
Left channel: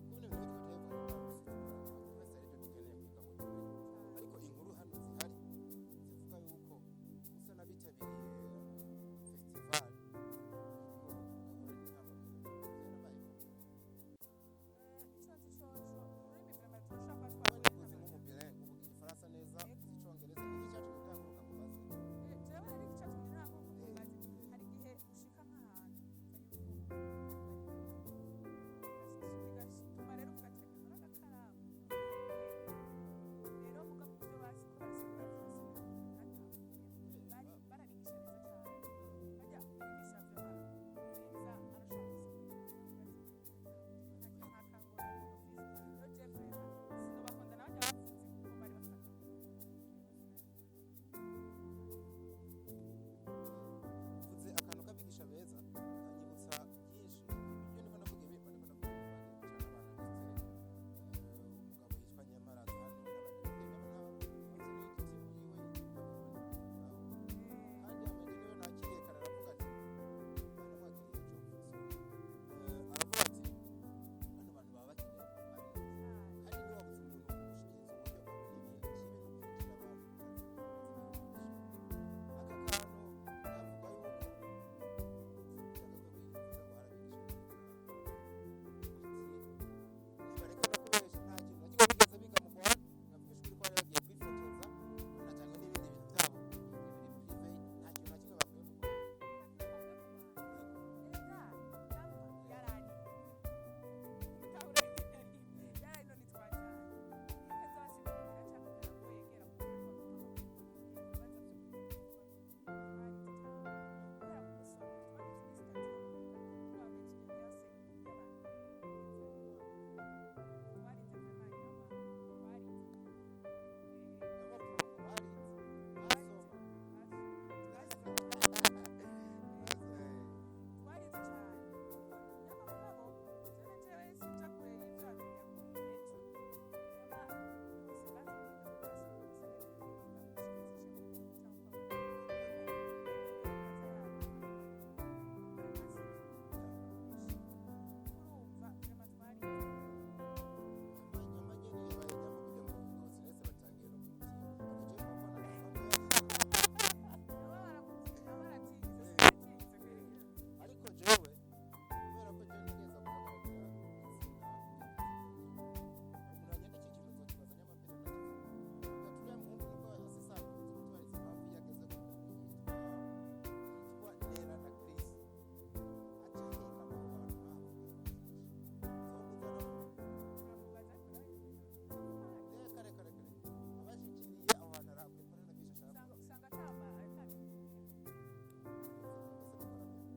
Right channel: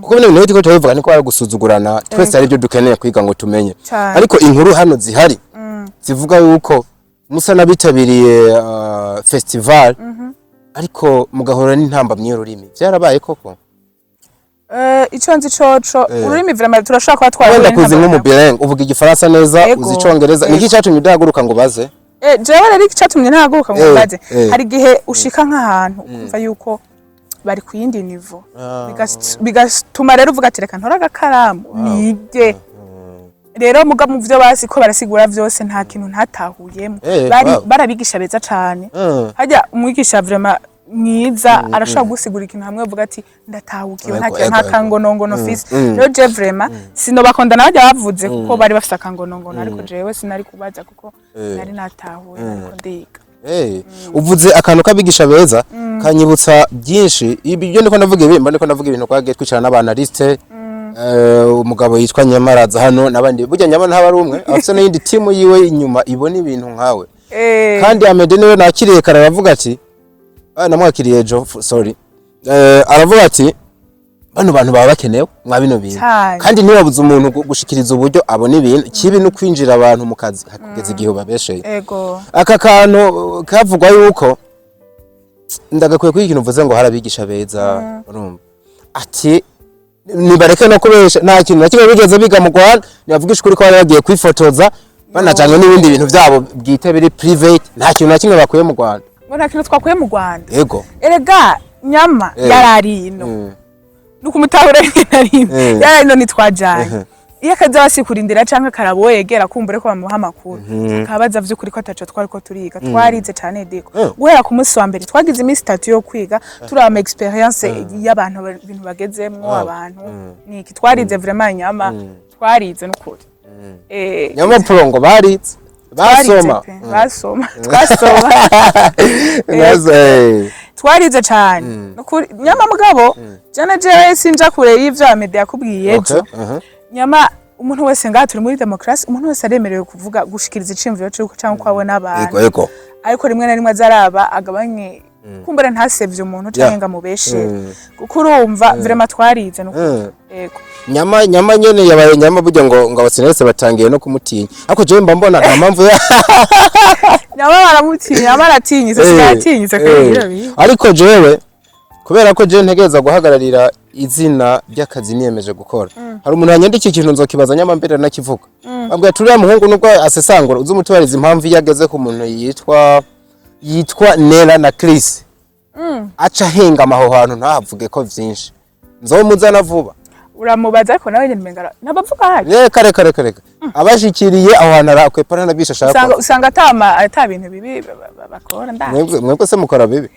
kuko bino bintu bitiko tubivuga niko ari gusuzugurana twese ari byo dukeneye kwiga ngo tumenye ariko inkuru hano zihari zivuga yuko musa nabitabiriye festival ariko mugahora n'intamba my'ururimi byarabaye koko ico nzi coco ururimi vraiment turashaka kwa twari wenda kuzi nk'umubireng uvuga igifaransa neza uzi icongereza niki cyatumye udahaguruka ngo baze jewe rero icyatumye ntahaguruka ngo baze hari gihe ushika nk'ahantu ukumva yuko bari ku yindi nivo bigatuma rero uvuga ati reka ntora agakaramu nige rero muga mu byo basi ko barasigura byose nta kintu ntatahuyemo barabigisha beza cyane hajya umwigisha vraiment mwiza arashaka gusigura ikintu hamwe uvuga ati ndatahukiwe nta kangonongono fisi rero je vraiment sino bakondana bajya bavuze kuko bari bafite akangonongono ariko jewe sinari kubaza kuko nari natahuye ariko ndiga uvuze akantu kabigisha beza kanyibutsa byinshi ibyo ndiko ndavuga ibimba ndiko ndavuga ibintu kwagiye twicara n'abanaliste umugabo yitwa Nyamaraza hano nabandi burya Nyama ntaba ari umwe afite n'indi timu yiwe inyuma ibona ibintu nkawe kandi Amede niwe nakiriye kare aravuga ati namwakiriye ejo sorry aravuga ati bano bantu baba bakenewe mwa bino bintu kandi ntibabuze umuntu gushikiriza uburyo abona ibintu kibi no kwinjira abantu mu kazi hakugeza igihe babesheye aka kantu kavugwa yuko ndagakwiye kuri ikintu uvuze ngo harabigisha beza urumva ati nibareke no kubesha nta kintu nakimwe bigeze biga mu Rwanda nibavugisha kuri ko bari bagiye kwifotoza banajanye n'ibindi bintu byabo bwite biri private nta kintu nakimwe bakuye mu Rwanda ngo nta kintu twakuye mu Rwanda yego erega Nyama yararino nukumutahura yararino nitwajanye iyo akaza basikurindira canke karabo yegera kumbure ko bamuha amakuru kabaza vy'ukuri ko ataco twari ko turiga twarize cyane deko guhera ku munsi wa mbere twagize iminsi 3 yo kwiga turi ama experience y'abantu ibintu bagezemwo abantu niki twarize vraiment Nyama twarize n'ukuri Nyama Prongo barize basoma twarize cyane n'ukuri Nyama mugabo jana je sinja kure y'ivyo Amede yakubwiye ejo Nyama umuntu wese ngaha turi muri demokrasi umuntu wese aremerewe kuvuga gushikiriza icimviro cyo cyangwa kwabona abantu yego ariko rimwe na rimwe azaraba agabanye kumbere ntasevye umuntu cyangwa ngamubeshe kuko urumva vraiment twarize no yego Nyama nyene yabaye Nyama burya ngo abasenese batangiye no kumutinya ariko je mba mbona nta mpamvu Nyama baramutinya baratinyise sigatinyise kandi ariko jewe kubera ko je ntegeza guhagararira izina ry'akazi niyemeje gukora hari umuntu yanyandikiye ikintu nzokibaza Nyama mbere nakivuga abwiye turiya muhungu nubwo asesangura uzi umutubariza impamvu yageze ku muntu yitwa Nera na Chris aca henga amaho hantu ntahavuge ko vyinshi nzomuzana vuba uramubaza ariko nawe nyene mengara nabavuga haje reka abashikiriye aho hantu arakwepana nabisha shaka usanga ata bintu bibi bakora mwebwe se mukora bibi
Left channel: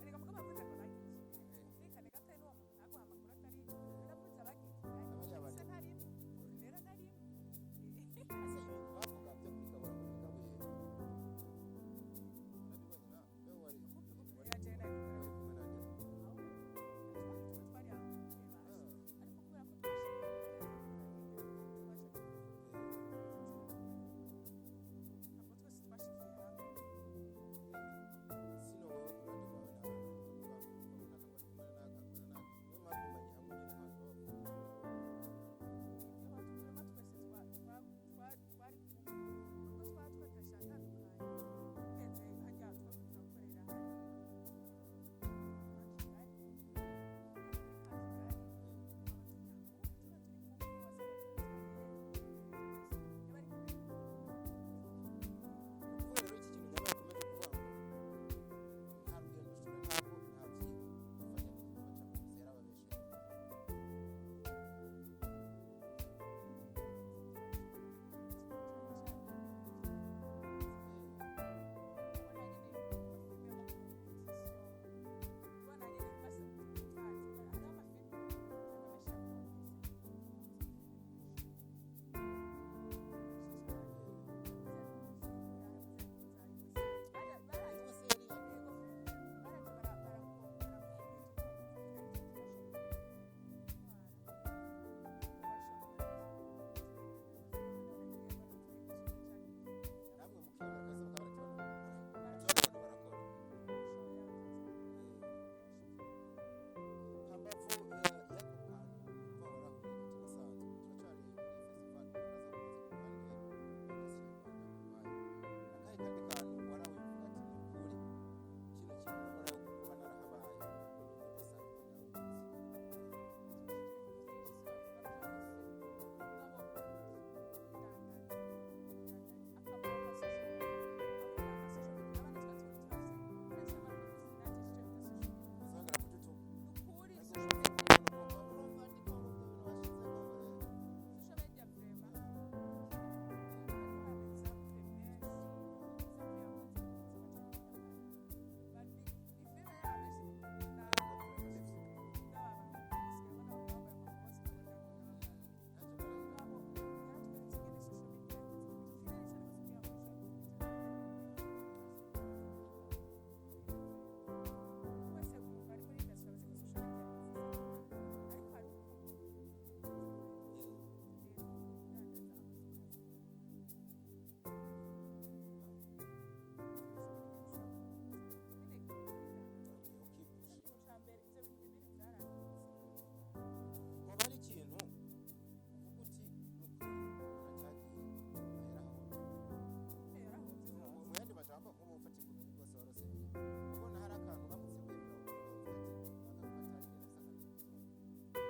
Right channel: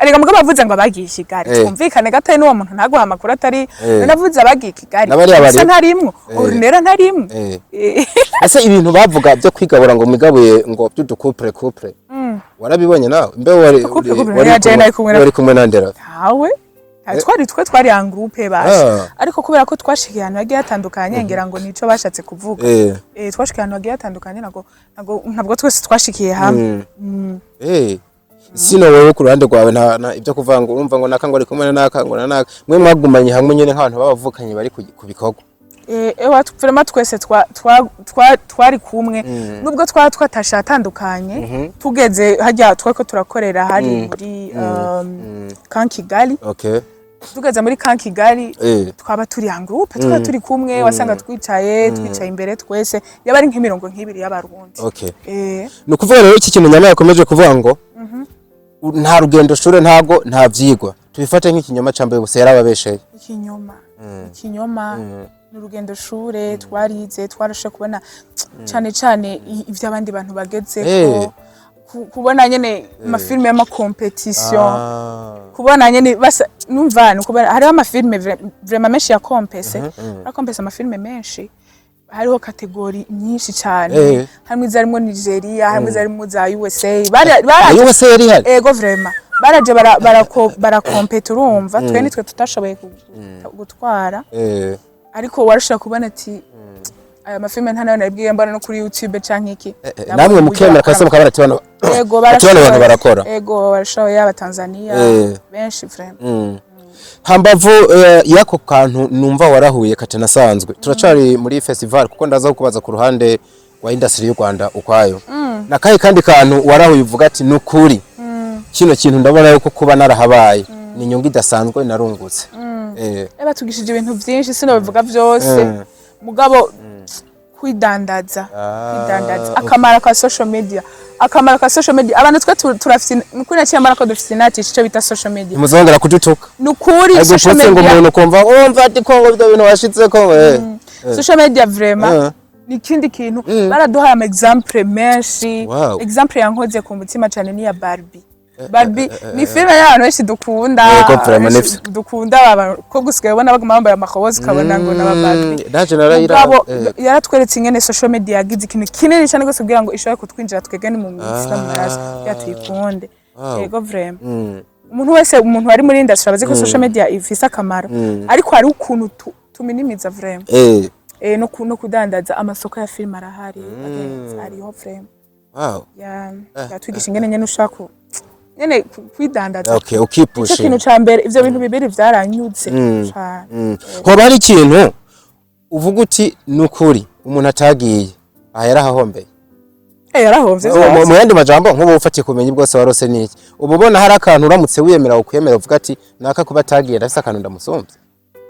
ariko mugabo bavuze ngo abagiye Kigali twumvikane gatari n'uwo muntu ntaguha amakuru atari navuze abagiye Kigali asa ntarimwo Nera ntarimwo ese ibintu bavuga byo kwigabura ngo migabuye ngo by'udukupre warabibonye nawe mbe wari kumwe na Ndera hawe twari en groupe basha ariko kubera ko twashikiye ahantu hagiye hatandukanye ngira ngo nico bashatse kuvuga twashikiye ahantu hagiye hatandukanye ntabwo twese twashikiye hamwe sino wewe ku ruhande rwawe nta ibyo kuvuga ngo urumva ngo naka ngo ari kumwe naka ngo naka mwe mwagumanye hamwe nyene nk'abantu babavukanye bari ku bikorwa vraiment twese twari kumwe nubwo twatasha atandukanye tugeze hajya twako turakorera hari muri Camp Kigali tugeze muri Camp Kigali twaba turi en groupe twaba turi kumwe wasanga twicaye imbere twese yaba ari nk'imirongo nk'ibiri y'abarundi no kuvuga rero iki kintu Nyama yakomeje kuvuga ngo nta rugendo shure ntago nta vyigwa tubifate nk'ikinyoma cambaye bose yarababesheye ikinyoma n'urugendo shure twarize twarashe kubona cyane ivy'abandi bantu bageze kubona nyene amafilme y'ama competition kubona nyene basa numva kubona hari amafilme vraiment menshi ya compese amafilme menshi hariho kategori nyinshi cyane hamwe zarimo Nigeria hamwe zarimo za USA USA yari hari ego vraiment baraje barakompeta urumva twe nitwe tutashoboye gutwara ariko warashaka kubona ati aya mafilme ntanayo nabwiye mbana no kuri YouTube canke iki namwe mukemera kase mukabara tibana ego barakora ego barashoboye aba Tanzania benshi vraiment hambavu yako kantu numva warahuye katanasanzwe turacari muri festival kuko ndaza kubaza ku ruhande wa industry y'u Rwanda ukwayo nakaye kandi kantu warahuye uvuga ati nukuri kino kintu ndabona yuko kuba narahabaye ni nyungu idasanzwe narungutse batugishije ibintu byinshi sino bivuga byose mugabo kwidandaza akamara ka social media abantu twe turafite nukuri naciye amara dufite natisha cyo bita social media muzongera kudutuka nukuri social media ngo umuntu kumva umva ati ko ngo ibintu washitse ko social media vraiment nikindi kintu baraduhaye ama example menshi example yankoze ku mutima cyane ni ya Barbie ni filme y'abantu benshi dukunda abantu ko gusigaye ubona baguma bambaye amakobozi kabona ngo naba Barbie yaratweretse ingene social media yagize ikintu kinini cyane gose kugira ngo ishobora kutwinjira twegane mu minsi n'amaraso yatuyikunde yego vraiment umuntu wese umuntu ari muri industry abazi ko social media ifise akamaro ariko hari ukuntu tuminimiza vraiment no kudandaza amasoko ya film arahari ariho vraiment wow yatwigisha ingene nyene ushaka nyene kwidandaza okay ukipusha ikintu ca mbere ivyo bintu bibiri vyaranyutse cyane hoba hari ikintu uvuga uti nukuri umuntu atagiye yarahahombeye yarahovye mu yandi majambo nk'ubu ufatiye kumenyi bwose warose niki ububona hari akantu uramutse wiyemera ukwemera uvuga ati naka kuba atagiye ndafise akantu ndamusomvye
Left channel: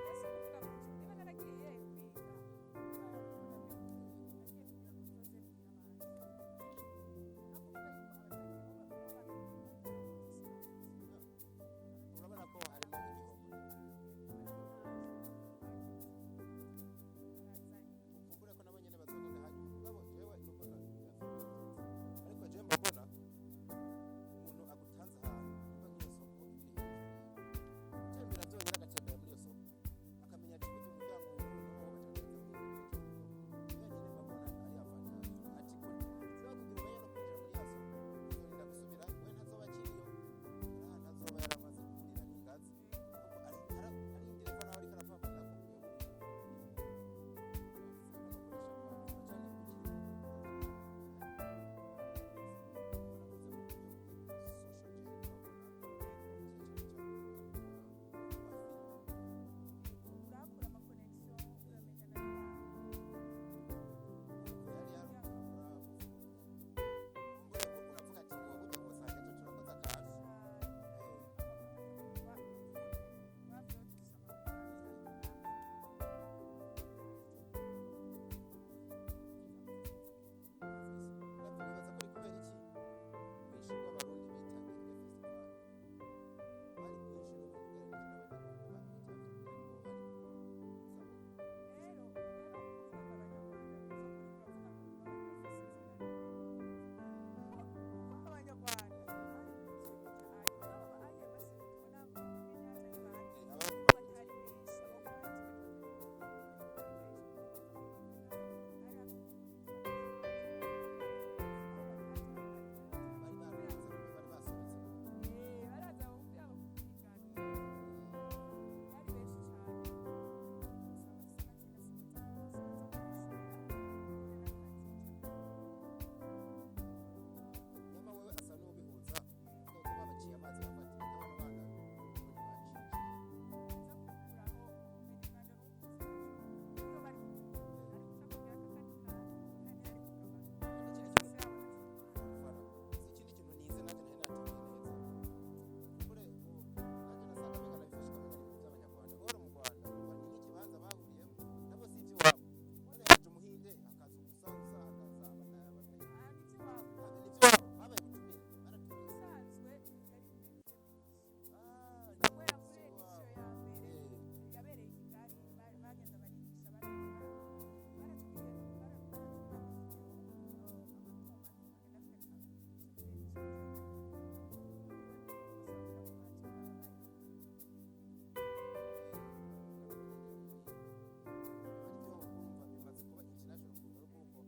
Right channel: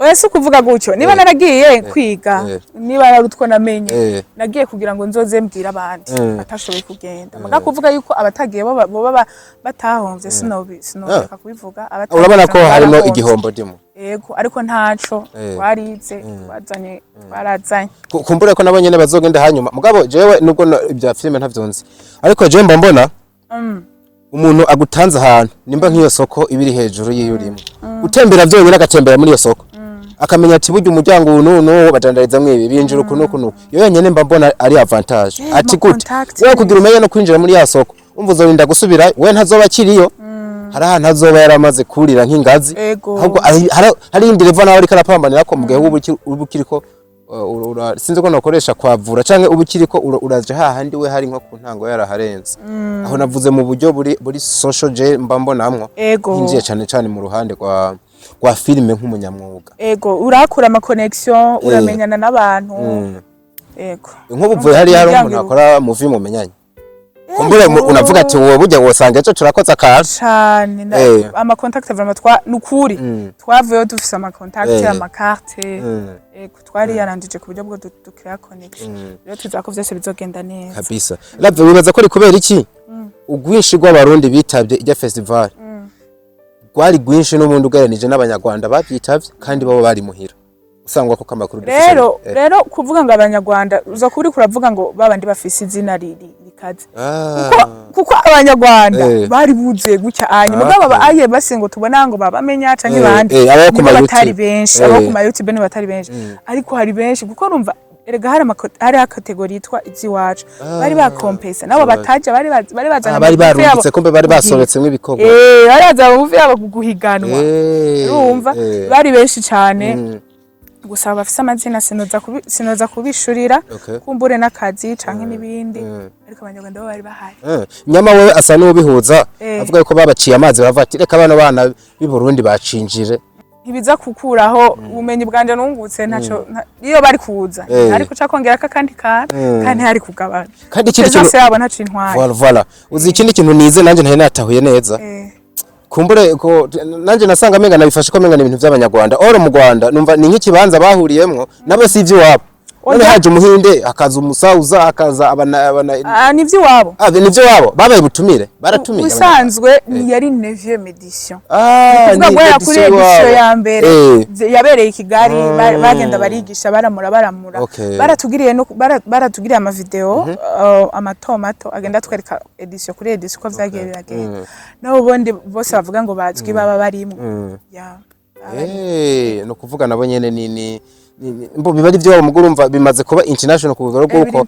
Wese kuvuga gutyo niba naragiye kwiga niba narutwo namenye nagiye kugira ngo nzoze mbwira abandi batashoboye kugenda muga kuvuga yuko abatagiye bo batahomvye sinobeka kubivuga urabona ko harimo igihombo dimo yego ariko ntaco twarize barazanye kumbure ko nabonye bazogenda hanyuma mugabo jewe nubwo ibya filime ntavyonzi ariko je mbona umuntu agutanze ahantu nimba nk'iyo soko ibiri hejuru y'iyurimo utembera byonyine agatembera muri iyo soko akamenya ati burya umuryango uno badandariza mwibi binjira ukuno yo yenyene mba mbona ari avantage ati gute we kugira umenye no kwinjira muri ya soko umva uzorinda gusubira we ntazoba kiriyo hari ahantu azoba yaramaze kurira nk'ingazi ahubwo hari indi level nawe ariko arapambanira ko mugihe ubukiriko sinzi ko nakoresha kwavura canke ubukiriko uraje hahandi we hari nko ku ntango yaraharenze aho navuze mu buryo buri social je mba mbonamwo injiye cyane mu ruhande kwa filime nk'umunyamwuga urakura ama connection uramenyana n'abantu nk'ubuvuye hari umuntu akora movie mumenyanye kumbure unavuga ati wowe burya wosanga ejo turakoza akazi cyane ama contact vraiment nukuri twavuye dufise ama contact ama carte twari yarandije ku buryo bwo dukira connection rero tuzako vyose bizogenda neza kabisa lavye wibaza ko ari kubera iki ugwinshi rw'abarundi bitavye ijya festival gwari gwinshi n'umuntu ugeranije n'abanyarwanda bavyitavye kandi babo bari muhira usangwa ko kamakuru rero kuvuga ngo abanyarwanda uza kuri kuravuga ngo babandi bafise izina rikaze kuko abanyarwanda bari buze gucya hanyuma mugabo aye base ngo tubona ngo babamenya canke bandi batari benshi abo ku ma YouTube ni batari benshi ariko hari benshi kuko urumva erega hari akategori yitwa iziwacu bari bakompesa nabo bataje bari bazana bari barungitse kombe bari basoretsemwe ibikorwa bari bazana uvuye abo guhiganwa urumva bari benshi cyane gusa bafise amazina sinoza kubishurira kumbure n'akazi canke nibindi ariko abanyarwanda bo bari bahari nyama wewe asa n'ubihuza avuga yuko babaciye amazi baravuga ati reka bana b'i Burundi bacinjire ntibiza kukuraho ubumenyi bwanje nungutse ntaco iyo bari kuza ariko cakongera kandi kandi hari kugabana kandi ikindi kintu yabo ntaco intwari voilà uzi ikindi kintu nize nanje ntari natahuye neza kumbure ko nanje nasanga menga nabifashe ko menga ibintu by'abanyarwanda oro mu Rwanda numva ni nk'ikibanza bahuriyemwo nabo si ivyo wabo none haje umuhinde akaza umusauza akaza abana nivyo wabo nivyo wabo babaye butumire baratumira usanzwe yari 9e edition kuvuga ngo kuri edition ya mbere yabereye i Kigali bagenda barigisha baramura baratugiriye ama video amatomato agenda twereka edition kuri edition ko vyagiye biragenda nabo bondi bose bavuga ngo bazwi baba barimo no kuvuga nabo nyene ni mbo bibari byo mugurumva bimaze kuba international ku bugoro bwuko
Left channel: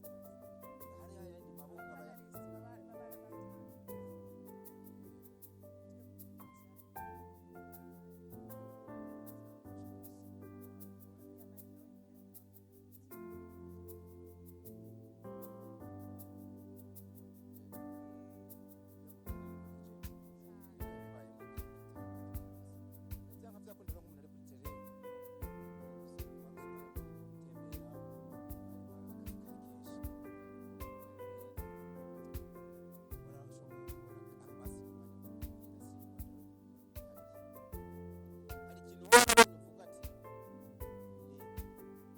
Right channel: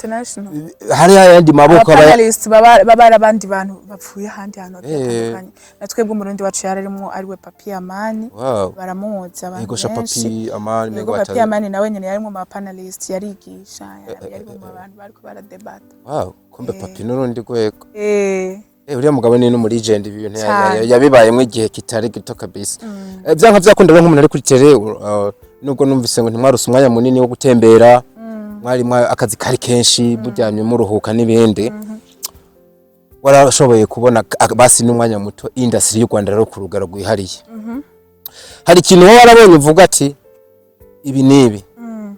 hari yandi maboko panelist baba abandi bantu bapfuye handi hano batandukanye natwebwe umurundi wacu yararimo ari we Papi Amani baramuhoza abantu yego Papi Amani mego Papi Amani nawe nyene yarimo ma panelist yarigisha yari mu bantu bariko baradebata kombe Papi nurundi gwego uriya mugabo ni no legend ibintu yabibayemo igihe kitari gito kabisa byanka byakunda nk'umuntu ari kuri tele nubwo numvise ngo ntimwaruse umwanya munini wo gutembera mwari akazi kari kenshi bujyanye mu ruhuka n'ibindi warashoboye kubona basi n'umwanya muto industry y'u Rwanda rero ku rugaro rwihariye hari ikintu warabonye uvuga ati ibi nibi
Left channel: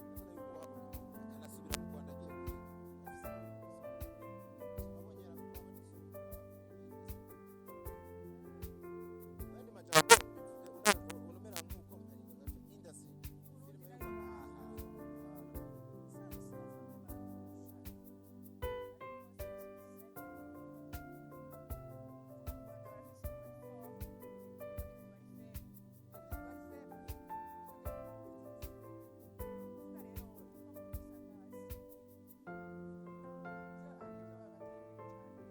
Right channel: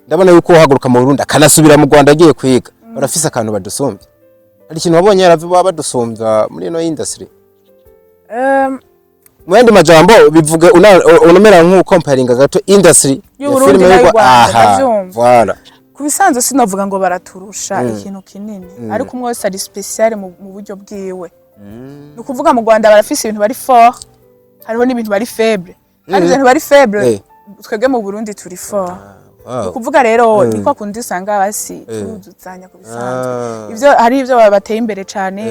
ndabona yuko uhaguruka mu Burundi akanasubira mu Rwanda agiye kwiga barafise akantu badusumbye hari ikintu wabonye yaravuba badusumbya muri no industry mwende majambo bivuge unomera nko comparing gato industry ya filime y'u Rwanda voilà kubisanzwe sinavuga ngo baraturusha ikintu kinini ariko umwe wese ari special mu buryo bwiwe no kuvuga mu Rwanda barafise ibintu bari fort hariho n'ibintu bari faible kandi ibintu bari faible twebwe mu Burundi turi fort kuvuga rero niko kundi usanga basi tuzuzanya kubisanzwe ivyo hari ivyo babateye imbere cyane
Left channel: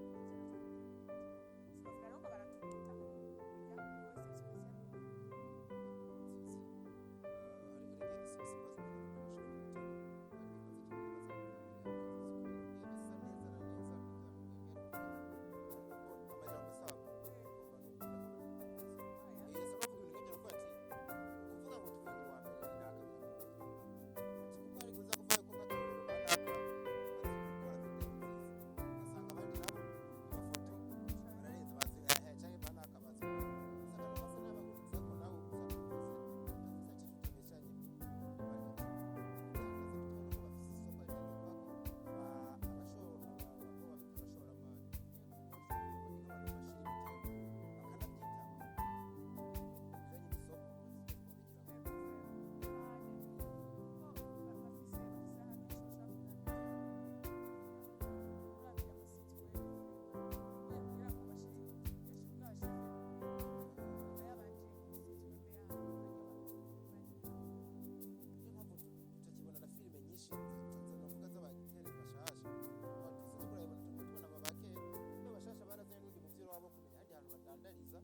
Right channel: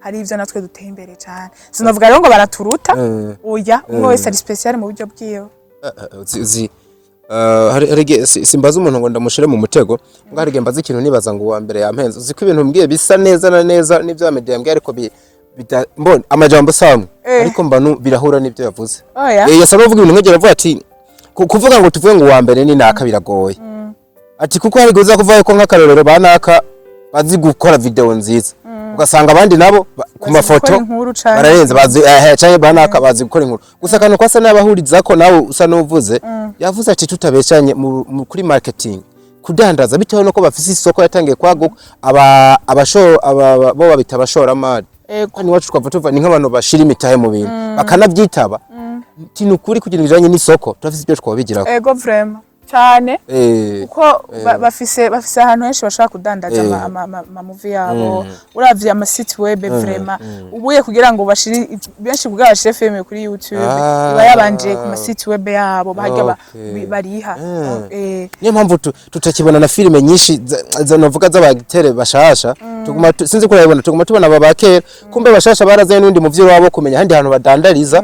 hari ivyo natwe duteye imbere cyane sinavuga rero ngo baraturuta oya umwe wese ari special mu buryo bwiwe uzi simbaza umuntu ngo ndamushire mu mutego ngo hari mbaza ikintu nibaza ngo uwa mbere yampenze uziko ibintu mbwiye bisa neza na neza n'ivyo media yambwiye ariko mbona amajambo samwe ariko mbanu birahura n'ivyo yavuze yasa n'uvuga ibintu nk'egera avuga ati kuvuga ngo tuvuge ngo uwa mbere ni naka biragoye ati kuko hari guza kuvuga ko nk'akarorero banaka bazi gukora video nziza ugasanga abandi nabo ku mafoto bararenze bazi cyane banaka bazi gukora inkuru gusa kantu kwasa n'abahuriza ko nawe usa n'uvuze yavuze ati tutabeshanye kuri marketing kudandaza bitewe no ko bafise isoko yatangiye kwaguka bo babita abashoramari kandi wacu twava tuva ni nk'abantu bashira imitahe mu bintu bakanabyitaba tinukuri kugira bijanye n'isoko turafise ibyo twabigiraho ego vraiment cyane uko bafise ahantu henshi bashaka kudandaza ama movie yabo uravye ama site web vraiment ubuye kugira ngo bashire benshi kugira bashire film kuri YouTube iba yabanje ku ma site web yabo bahajya bariha niyo mpamvu tutakibona na filime nyinshi zanovuga z'abagitere bashasha tuguma sinzi ko urabibona tuguma tubona babakera kumbe bashasha barazaye n'undi muvyi wabo kumenya handi hantu badandariza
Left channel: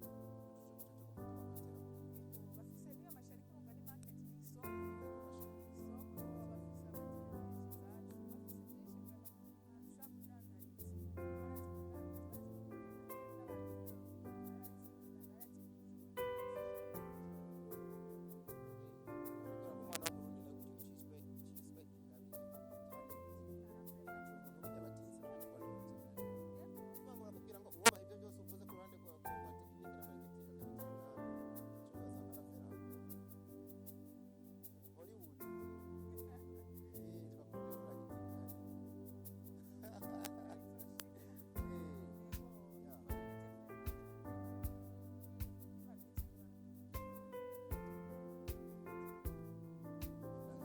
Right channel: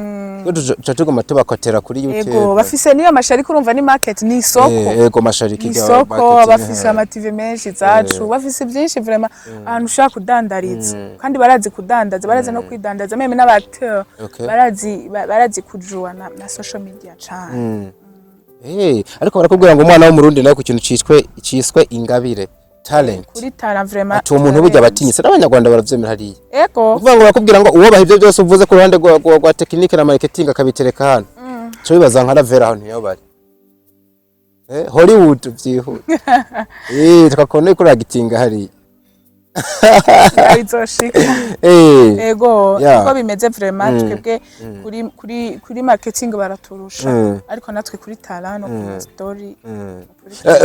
tuguma tubakotera kuri YouTube ego bafise niyo mashari kurumva ni market ni isoko ego mashari kijya isoko bafise ama TV menshi zacu bafise byinshi vraiment ahantu ushaka kudandariza kandi barazi kudandaza barazi no kwidandaza meme n'abateur barazi kujua na social media cyane ariko barakubwira ngo umwana wo mu Rundi nawe ku kintu ciswe ingabire talent kuri talent vraiment ati umuntu burya batinyise n'abanyarwanda baravyemera hariya ego kuvuga ngo bakubwira ngo uwo bahivye byose uvuze ku ruhande rwa technique na marketing akabitereka hano cyo bibaza nka Ravera hano niyo bari Hollywood vyihuta tukakone kuri agitinga hariya bizoshika ego uko bimeze vraiment twebwe kuri marketing baraturusha ariko natwe kuri talent no kuri story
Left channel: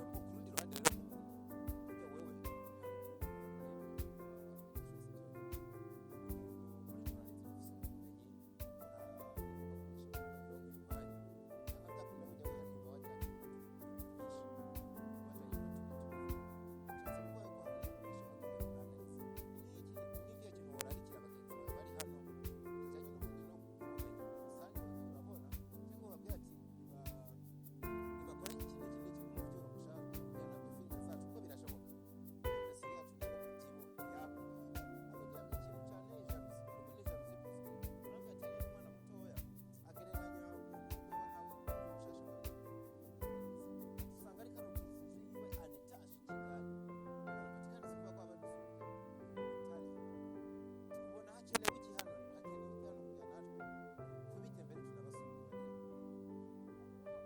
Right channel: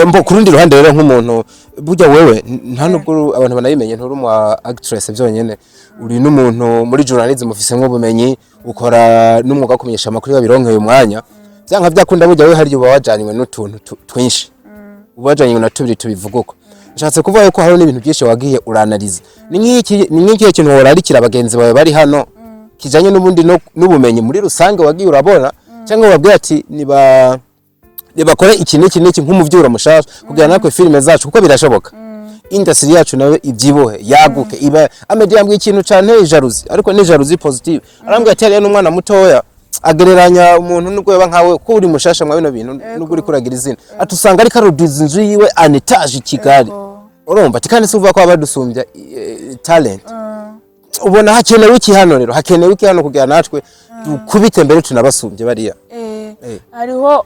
mbo kurundi ruhande rero nk'umuntu burya wewe nta nubwo abantu banayimenye nturi mu actress byonyene uri n'umuntu muri journalism ufise nk'ubumenyi ukora n'umwuga wo kumenyesha amakuru yabironkeye umwanya byanka byakunda burya wewe hari uba wajanywe n'utuntu twinshi ubajanywe na tubiri tubivuguko nshatse kuvuga ko hari n'ibintu byinshi wagiye uranaliza ni nk'iki kintu worarikira abagenzi bawe bari hano kijanye n'ubundi n'ubumenyi muri rusange wagiye urabona cyangwa wabwira ati nibakore iki n'iki nk'umuvyura mushasha kugira nakwe filime zacu kuko birashoboka industry yacu nawe ibyibohe yaguke iba amedia yambwiye ikintu cyane jalousie ariko ni jalousie positive arambwiye ati ari n'umwana mutoya agereranya umuntu n'ugweba nkawe ko uri mushasha mwa bino bintu n'uguri kuragira izina atusanga ari karudiza inzu yiwe anetage Kigali urumva tikane suvuga ko abadusumbya talent ubona hakenewe iki hano rero hakenewe iki hano kugira natwe dukubite mbere tunabasumbye bariya hariho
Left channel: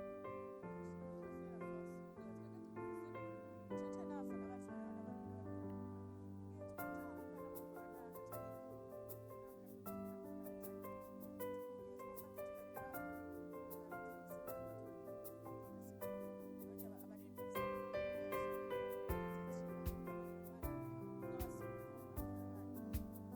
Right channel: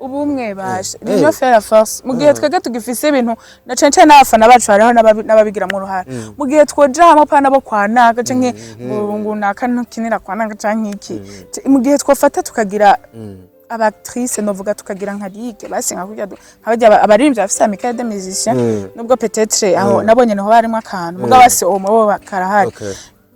ubumwe bashe niyo faire force mu gihe twege tugifise ibintu na cence n'abafana bacu hariho n'ababigira mu ruhara mu gihe twoja hamwe pana bo kwanaka canke ngo nakankinira kwanaka canke iki mu gihe twofata tukagira abactrice novuga tukagira nka ligue basinga kujya nkabajya abaririmbyi bafise amicale de musiciens nubwo peut-être aho nabonye niho barimo akantu mugabo base omo bakarahari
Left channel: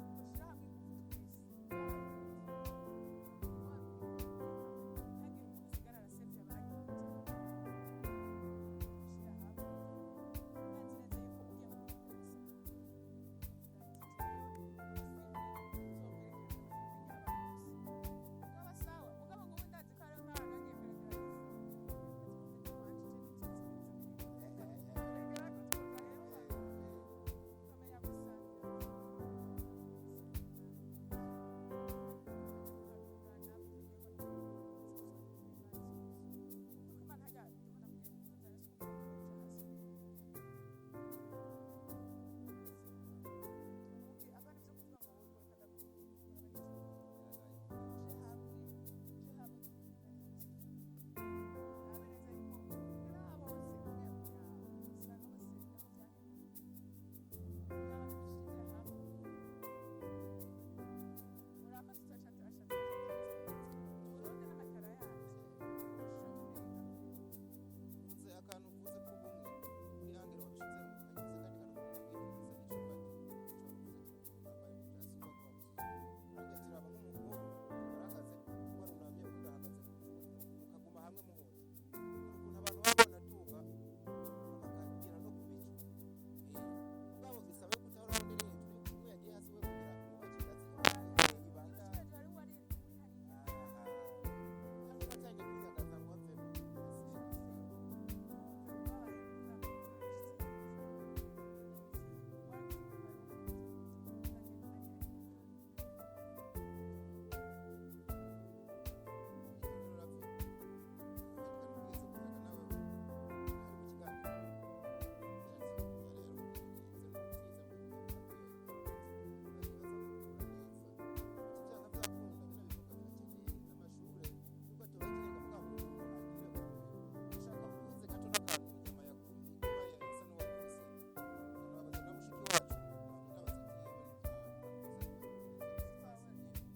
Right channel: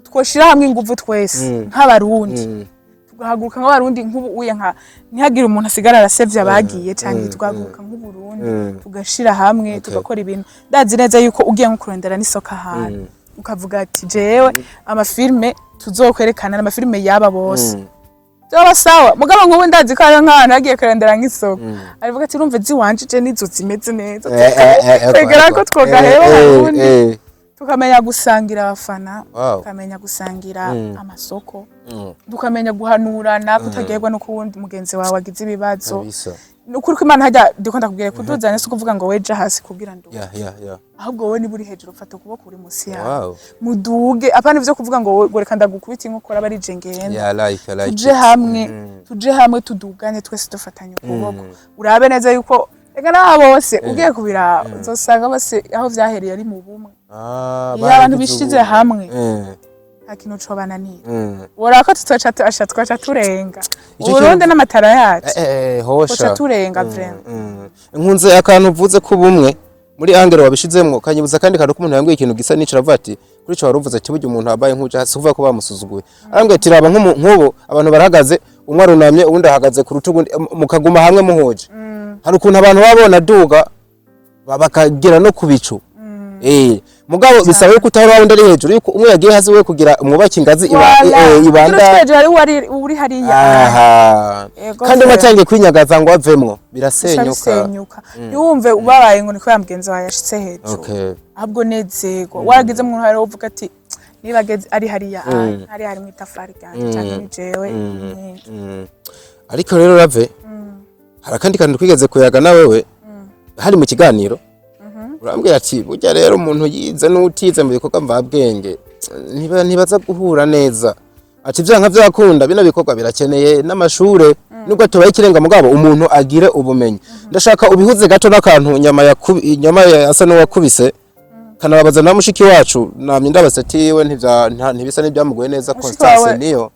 twoshira hamwe inguvu twese nk'abarundi tugahaguruka nk'abarundi nk'ubu uye nka ntihagira umuntu asigara arasevye abagiye cyane twaguruka nk'uburundi tugashira hamwe tugakora ibintu ndazi neza yuko ugiye nko kurondera n'isoka ahantu ukavuga ati jewe amafilme tuzokwerekana n'amafilme yaba bose Jaba sawa mugabo nk'ubu ndazi ko ari nk'ahantu hagiye kurondera nk'isoko arivuga ati urumva ziwanjije nizo zimeze neza twegera ko twogaheba Burundi tukamenya gusangira abafana tukamenya gusangira amasoko tukamenya guhanurana kutagerwa no kuwundi mugenzi wawe agize ibibazo nukuri ko Imana hajya ndikunda kubwira kuduzana so kuvuga ngo weje hasi kugira ndo ahubwo wowe ni buri hejuru ufata kuboko uri musi yawe muduge apana ivyo kuvuga ngo goreka ndagukubita inkokora bari jengenda tuje hamwe tudugane twese dufatanye ukuboko urabe neza yuko ega na bose ugiye kubira uzosanga bose aho vyahereye ari mu bumwe abantu bishize hamwe akino cobananira worako twaca turenga Burundi n'amatara yacu hosha turenga vraiment nkunze akantu uvuze ko bumwe muri angere wabishizemwo kanyibuza kandi kandi umuntu yambwiye ikintu gisa n'icara vati kuri cyo waruvuze ati buryo umuntu abaye nkuje hasi uvuga ko bamusuzuguye arambwiye ati raba nk'ubu abantu barahagaze umwe arunamye uwundi ahagaze ku rutugu mukaguma hamwe muhoje hari ukuntu abantu babona duga bakagira no kubicu mugabo bisaba yuko utahora wundi ari hejuru yuko umwe yagiye hasi we kugira umwubaki ingazi ibanda tweje ari uri hariya kandi batangiye kwinyagaza ngo avemwo birasenyuka yumve ubabaye ngo niko yamugenzi wawe yashitse hejuru ahubwo nezego waragize mu ntara uvuga ati nibageze ari hariya hari mu itafari ryanje cyangwa ni jewe ariko rero rave harakandi kantu twigeze kuyaga na wewe hari mu kiganiro urambwira ati burya rero umuntu yize n'utize mu bikorwa mvabwenge ntibaza guhura neza ati vyanka vyakunda bino bikorwa birakeneye n'amashure nubwo tubaye ikirenga mugabo umuntu agire ubumenyi ndashaka ubihuze gato n'akantu inyama asa n'uwakubise kanababaza na mushiki wacu namye ndabasatiwe ntibisa n'ibyamugoye neza Constance niyo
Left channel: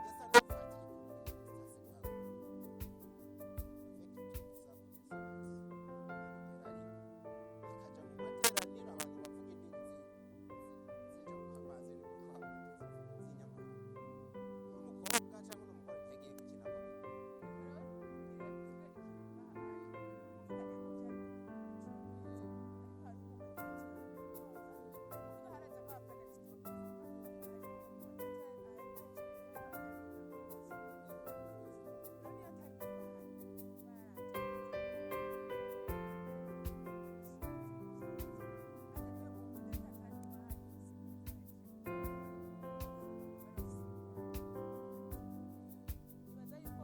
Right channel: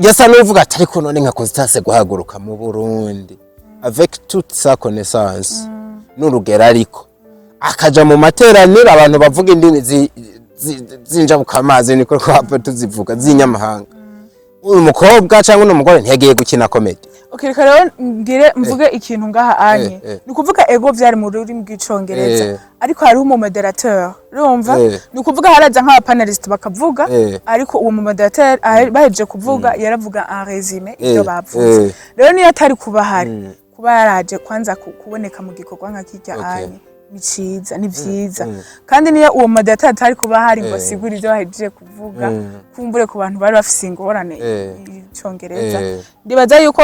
yasa n'uvuga ati ariko none nka Constance guhaguruka mu Burundi avec toute sa connaissance n'urugero ariko akaja mu materaniro abantu bavuga indimi zinjabuka amazi niko twapfa tuzivuga zinyamahanga uyu mukobwa cyangwa n'umugore ntiyagiye gukina comedy okay rero ngire mvuge ikintu ngaha anye ni kuvuga ego vyari mu rurimi rw'icongereza ariko hari mu moderateur urumva ni kuvuga haraza nk'aba panelist bakavuga ariko uwo mu moderateur baheje kuvuga yaravuga en résumé ibyo bavuze rero niyo atari kuba hari kuba yaraje kwanza kuboneka mu gikorwa nka kijya anye ni vyiza kandi niyo uwo moderateur atari kuba hari ngo sigura ivyo baheje kuvuga kumbure ku bantu bari bafise ingorane icongereza ndibaza yuko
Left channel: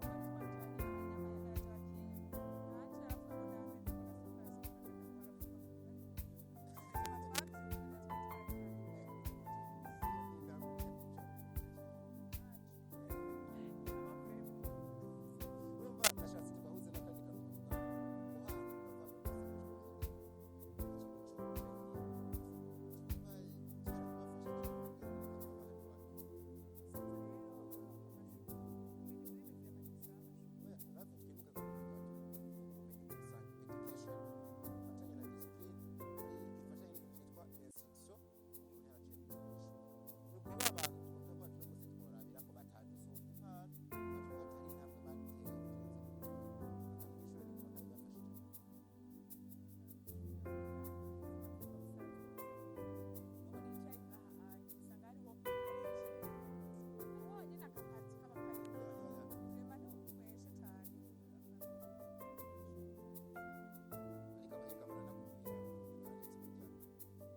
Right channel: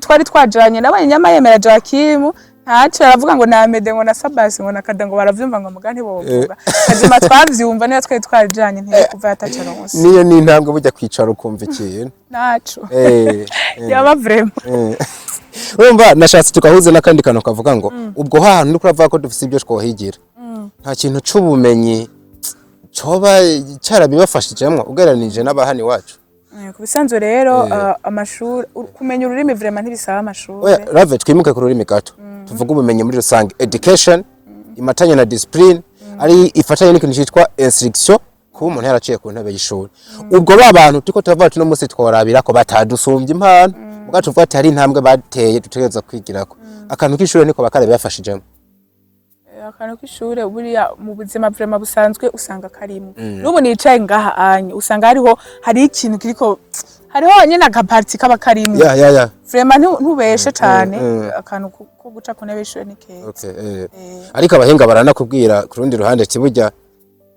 twari twajanye n'abanyama yemera Joachim ntaco aravuga ngo namede ngo na Sabasi ngo nakada ngo baravyumva ngo mugani bovuga kazima twavyumva niyo twari twajanye nteye kuva yataca ronse niyo ni intambwe bujya kwicara ukumva ikintu naco yaba vraiment urumva nashatse tukahuze n'akandi kantu kavuga ngo ubwo hantu ndiko ravuga ko dufise ibyo twohigira nta kintu c'ubumenyi coba carabibafashijemwo ugereranije n'abahani wacu kubisanzwe rero amashuri kumenya ururimi vraiment ntibisaba amashuri rave twimuke ku rurimi gato tuvuga ubumenyi muri rusange education imatanye na discipline ari ifatanye n'ikintu cyitwa instruction kuba umuntu yaraciye ku ntebe y'ishuri ubwo babantu tuko turavuga tuno munsi tworabira ko batadusumbye impano muga tuvuga ati hari intambwe bateye dutegereza kwigirako akantu k'ishuri niko bakare bafashijemo akantu k'ishure buriya mu buzima vraiment busanzwe usanga karimo n'ubu nicaye ngaha anye usanga hari ikintu kiriko hariho nyene akaparti kaba karimo vraiment ntubeshe cyane akantu ko guca ku ntebe y'ishure ni keza ariko abahinga baranakubwira ku rundi ruhande kiburya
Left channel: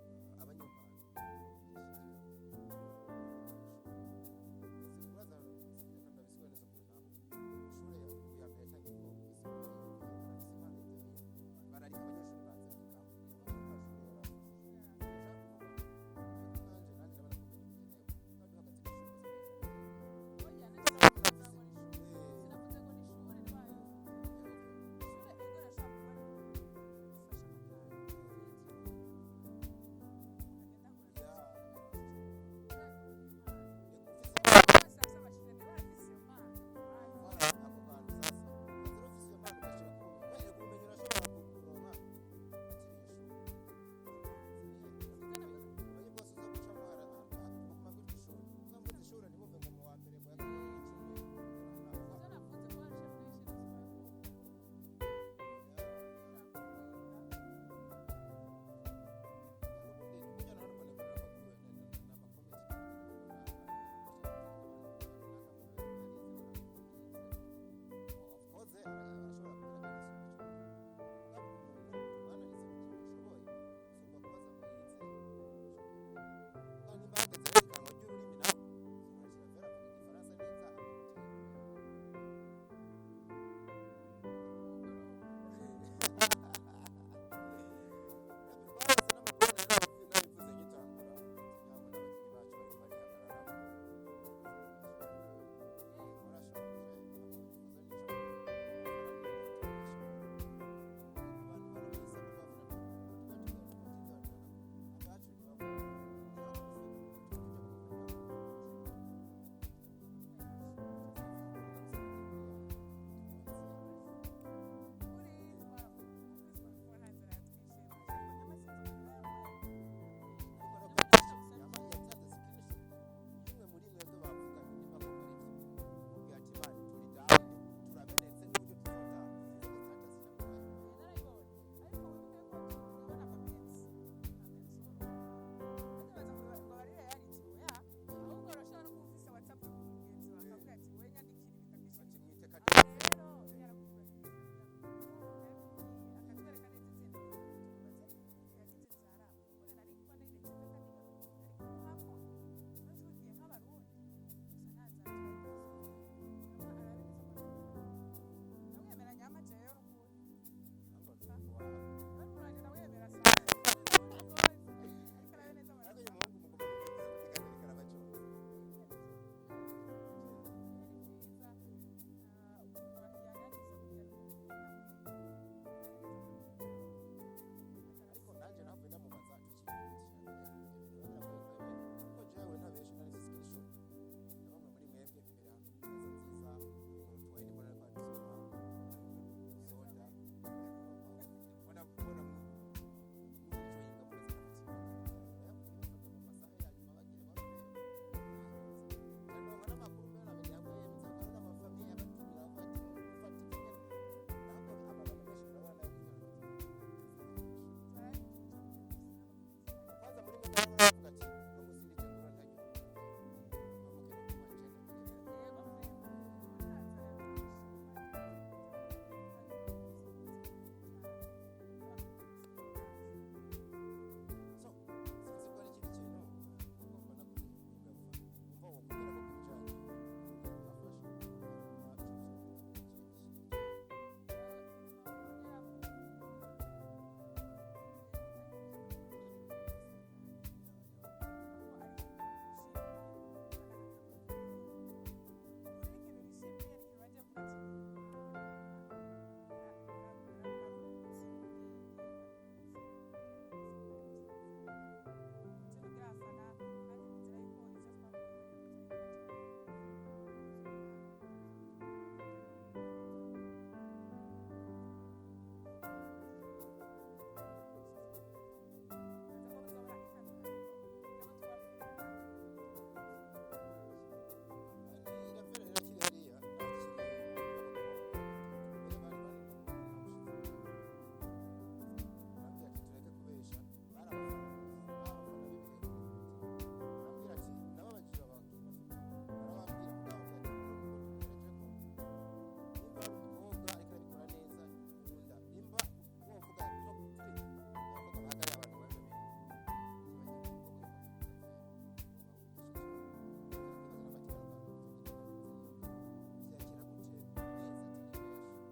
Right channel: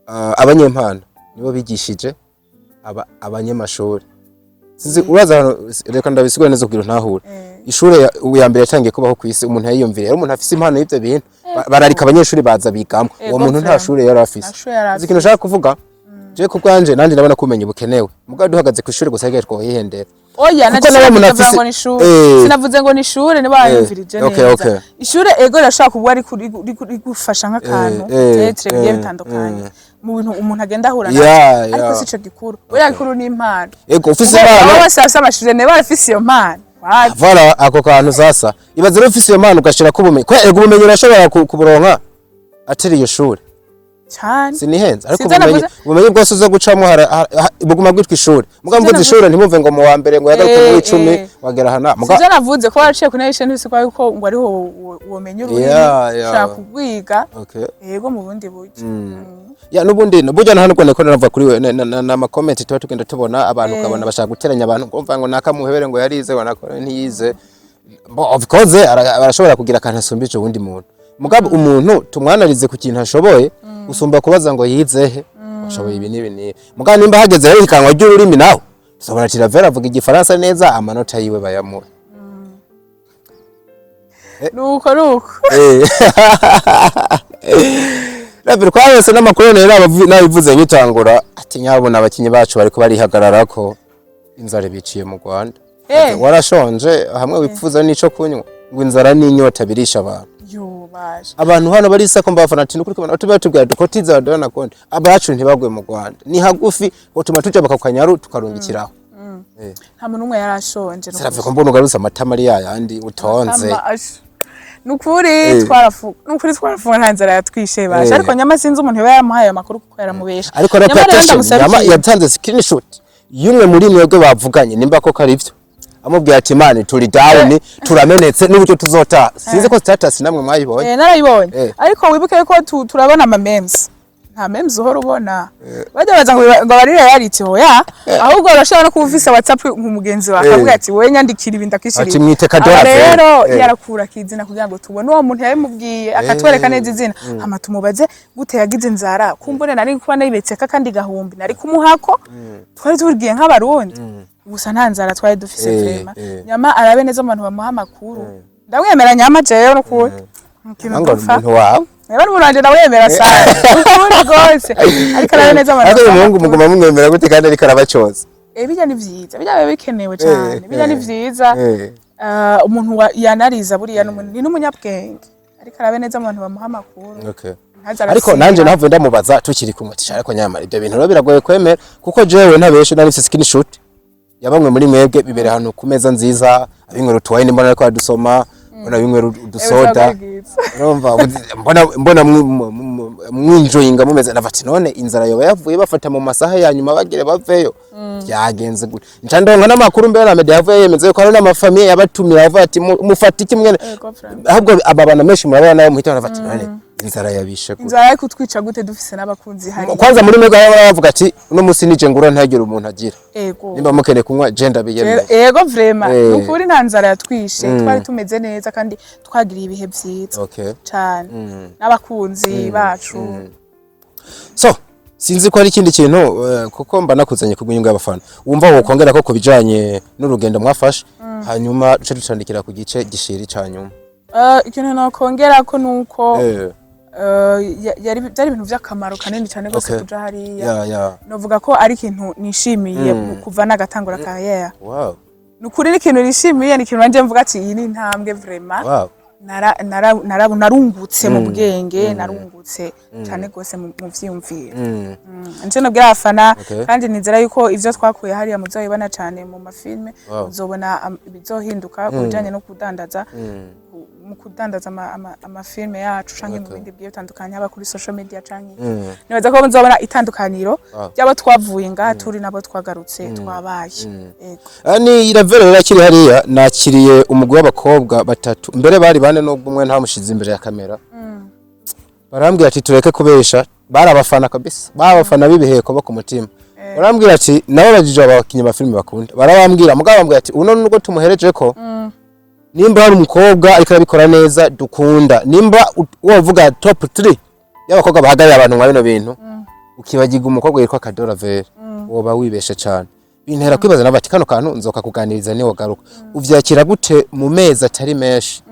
abanyempano nibo bigishije abanyamashuri sinzi uraza reka ndabisigura neza kugira ntahure ishure ya mbere yatangiye kubaho ku isi umuntu yiyumvira rero umuntu afise impano y'ivyo bintu bararika abanyeshuri baza bigamwe uwo muntu nta shure yari afise ikintu ushaka kuvuga je ku bwanje nandi ndabona kumenya bukenewe mugabo duhagaze ku ishure gusa rege twoyihendera oya navuze ngo ni shure sinavuze ngo ni shure niba yumvirije neza ishure ego rashaka kuba ari gufasha nk'akantu tetre biye bitandukanye mu bintu umuntu agenda ahura nayo ariko sico gikuru oya gikuru ni impano ego ufise impano bose amashure ne barafise iyo mpano voilà ako kantu sasa ibaze rero ufise iyo mpano ugashira kubumenyi ko ego ubumenyi urashobora kuburonka atari iyo shure cyane sinihenze ariko ubumenyi bwose uzo gucamo buguma bwitwa ishuri mugabo mvuze ishuri ntimumve ngo mu wa mbere ngo yagaruke mu 10 wagera hana mugabo navuze ko waraciye ku nation ntise kwa yuko ngo ariho ubumenyi ururimi ushaka kugwiga yego mu bundi buryo ya nubundi burya hano ko navuga kuri we na comment tuba tugenda tubona abantu kabona bashaka guteranya abantu kumva ngo nakamuhebere ngo yarize ngo nakora ntiyize of course arashobora kugira akantu asumbije ubundi muntu mugabo umuntu tumwanarize ku kintu ashoboye usumba kubaza ngo yizehe ashoboye ibi nibi mugabo nimba hageze rero ikanwa ry'ururimi naho sobora tiravera avuga igifaransa neza amanota yiwe bayamuha nuko Rabir kwa wese n'amakuru rero nabivuze bitangura ati nyabona abakinyi bacu bariko barihagararako inzara biciye mu Rwanda warashonje hamwe wipfuza nico kunywa ngo inzara n'inyota birisha abantu abantu hano barisa ko mbafana ati nukuri kubona batubwira dukotiza badona konde abacu ntibagwe mu Rwanda ni hagufi utuma tuja bakakanyaru tukarungikiraho nta muntu umwe yarashonje Sarave ko mbona ugaruza amatama ari yayandi utonze nukuri twarafunga nta nzara yatwishe basha ariko nyama sinzi umuntu yamuhaye amakuru kuko yaramubesha ariko nyama yatanze screenshot yumwe muri mwebwe bavuganye nimba ko karivyo amubwiye ati mani turi down turamenetse n'uburyo tuzota sinzi ko status namwe mwayibonye narayibonye ariko wibuke ko turabona ama memes nta memes uhora ubona bajya baza ngo bari reality hoya ahubwo urashobora no kuba ufise WhatsApp nk'umugenzi wawe akavuga ati we nyandikira ibintu akishira ati mwite Kadora rero yarakura kizina kugira ngo tubone uwo muntu yabimubwiye akatwereka neza izina hama tumubaze gute yagize inzara kumbone nari kuba nayibetse kandi gahumbi nari kumuhako twari turgiye nk'abarundi gusa nta nzara twari dufise vrema nyama arabe neza abantu bamuha amakuru ndamwemera nyama jeyo no kuwe ngo umuntu wawe Eba n'umuranje nawemera sana. Ukuri gose. Ariko arabe neza abantu. Ado umuhungu muguma mumwemera gute kandi ariko arabacoza. Bijya ni vyiza. Bijya bikenewe cyane. Bijya ni vyiza. Umuntu yanariza buriya ni n'umunyabwenge. Ariko arabe neza abantu bamuha amakuru. Okay. Ariko nanje navuye ndamubaza tukiri kumwe ati ariko nyamara ibyo bintu biragoye kwemera kuko jewe ntabeshe nari mfise screenshot yabamwe muri mwebwe bibere hano ku meza nziza abinywera utwine mbona ariko adusoma mbona bimwe udusoda mbona mwinjoyinga mumeze navati none inzara yoba yavuye bafata mu masaha ya nyuma bagire baveyo byagenze gute ncandonga n'amakuru mbere na media yavuye yemeze ko ari n'amafamiye yabatumira avuga ati mufata iki mwene ahubwo ababana menshi murabana nayo muhita navati none inzara yabishe gute inzara ariko twitwa gute dufise n'abakunzi hari kwanza muri mega bavuga ati uno musi nije ngura ntagire umuntu agira ego nimba mukene kunywa gender biyemeye ego vraiment ukuri nta nzara yatwishe twari tumeze neza kandi twagiriye ibihe byiza cyane n'abakunzi bacu so sinzi ko ari ikindi kintu kuko mba nakuzanye kugunyunga y'abafana wumva wo kongera ko kubijanye n'urugendo mwafashe hanyuma duce ducandikira ku gice gishiri cyanyuma ikintu nakongera ko nuko byari ibintu by'akamaro kanini cyane gose kuja hariya novuga ko ari ikintu nishimiye kuva nagatangura karriere nukuri n'ikintu nishimiye ni ikintu nanje mvuga ati iyi ni intambwe vraiment narungutse mu bwenge narungutse cyane gose mu vyiyumviro nje nabwira abafana kandi nizera yuko ivyo twakuye hariya muzoyibona cyane mu mafilme muzobona bizohinduka kubijanye no kudandaza mu kudandaza amafilme yacu canke mu bindi bigiye bitandukanye haba kuri social media canke nibaza ko muzobona itandukaniro byabo twavuye ngaha turi nabo twagarutse twabaye ani iravero yakiri hariya nakiriye umugwi w'abakobwa batatu mbere bari bane no umwe ntamushize imbere ya kamera barambwira ati tureke kubesha bari abafana kabisa babafana bibiheko bo ku mutima barambwira ati nabo bajije abakinyi ba filme bakunda barabambwira mugabo bambwira ati uno nuko tumuhereje ko nimba hari umukobwa ariko arabikora neza dukunda nimba wovuga top 3 y'abakobwa bahagaye abantu mwa bino bintu ukibagiga umukobwa yitwa Kadora Vere woba wibesha cyane bintera kwibaza nabati kano kantu nzoka kuganiriza ni wogaruka uvyakira gute mu mezi atari meshi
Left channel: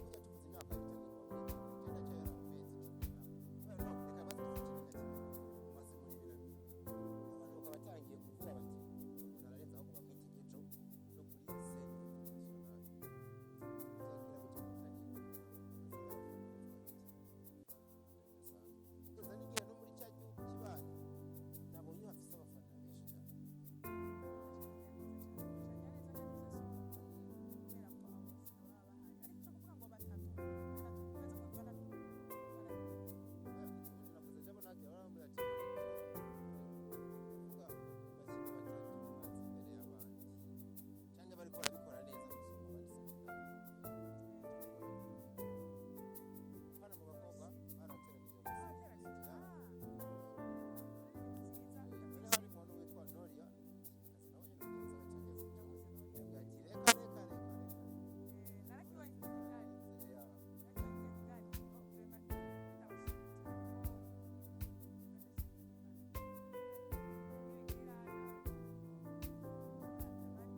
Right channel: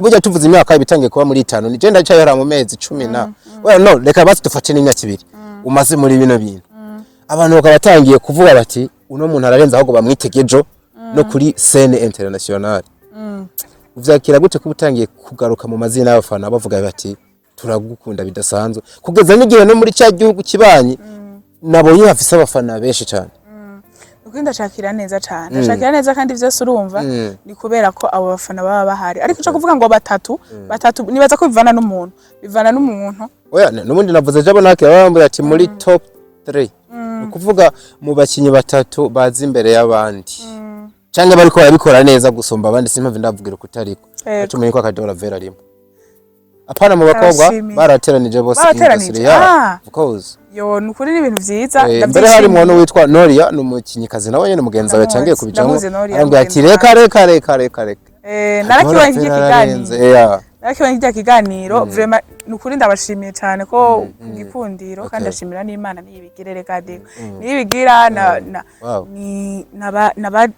burya tuvuze imyaka ibitangiye kuba muri 5 ni je ndacyahera mu mezi 10 na well no reka basi dufate n'imyaka 2 umaze muri bino bintu abantu bakabatangiye kuvuga bati uno muntu ararenza ahubwo bamwitegejo no kuri scene international uvyakira gute kubutangiye kugaruka mu mazina y'abafana bavuga bati turagukunda bidasanzwe kugeza n'igihe no muri cya gihugu kibanyi nabonye hafise abafana benshi cyane ukunda shakira neza cyane shakira neza kandi vyose urumva ni kubera ko abo bafana baba bahari ariko cyo kuvuga ngo batatu nibaza ko bivana n'umuntu oya n'ubundi navuze jabo nakira bambura ati muri top 3 ukuvuga mu bakinyi batatu bazi imbere y'abandi cyangwa bariko barabikora neza gusomba abandi simpamve ndavugira kutariko atumenye ko Kadora Vere arimo apana mu bakobwa barateranije bose industry ya of course yo nukuri ni ibintu vyiza mbere hari umuntu witwa Noria n'umukinyikazi nawe nyene mugenzi wawe cangiye kubijamo arambwira ati reka nakibonye kiganiro vraiment nukuri ndabashimiye cyane ko ngikundiro kandi ashimira n'Imana niyibigirere kadi niyibigira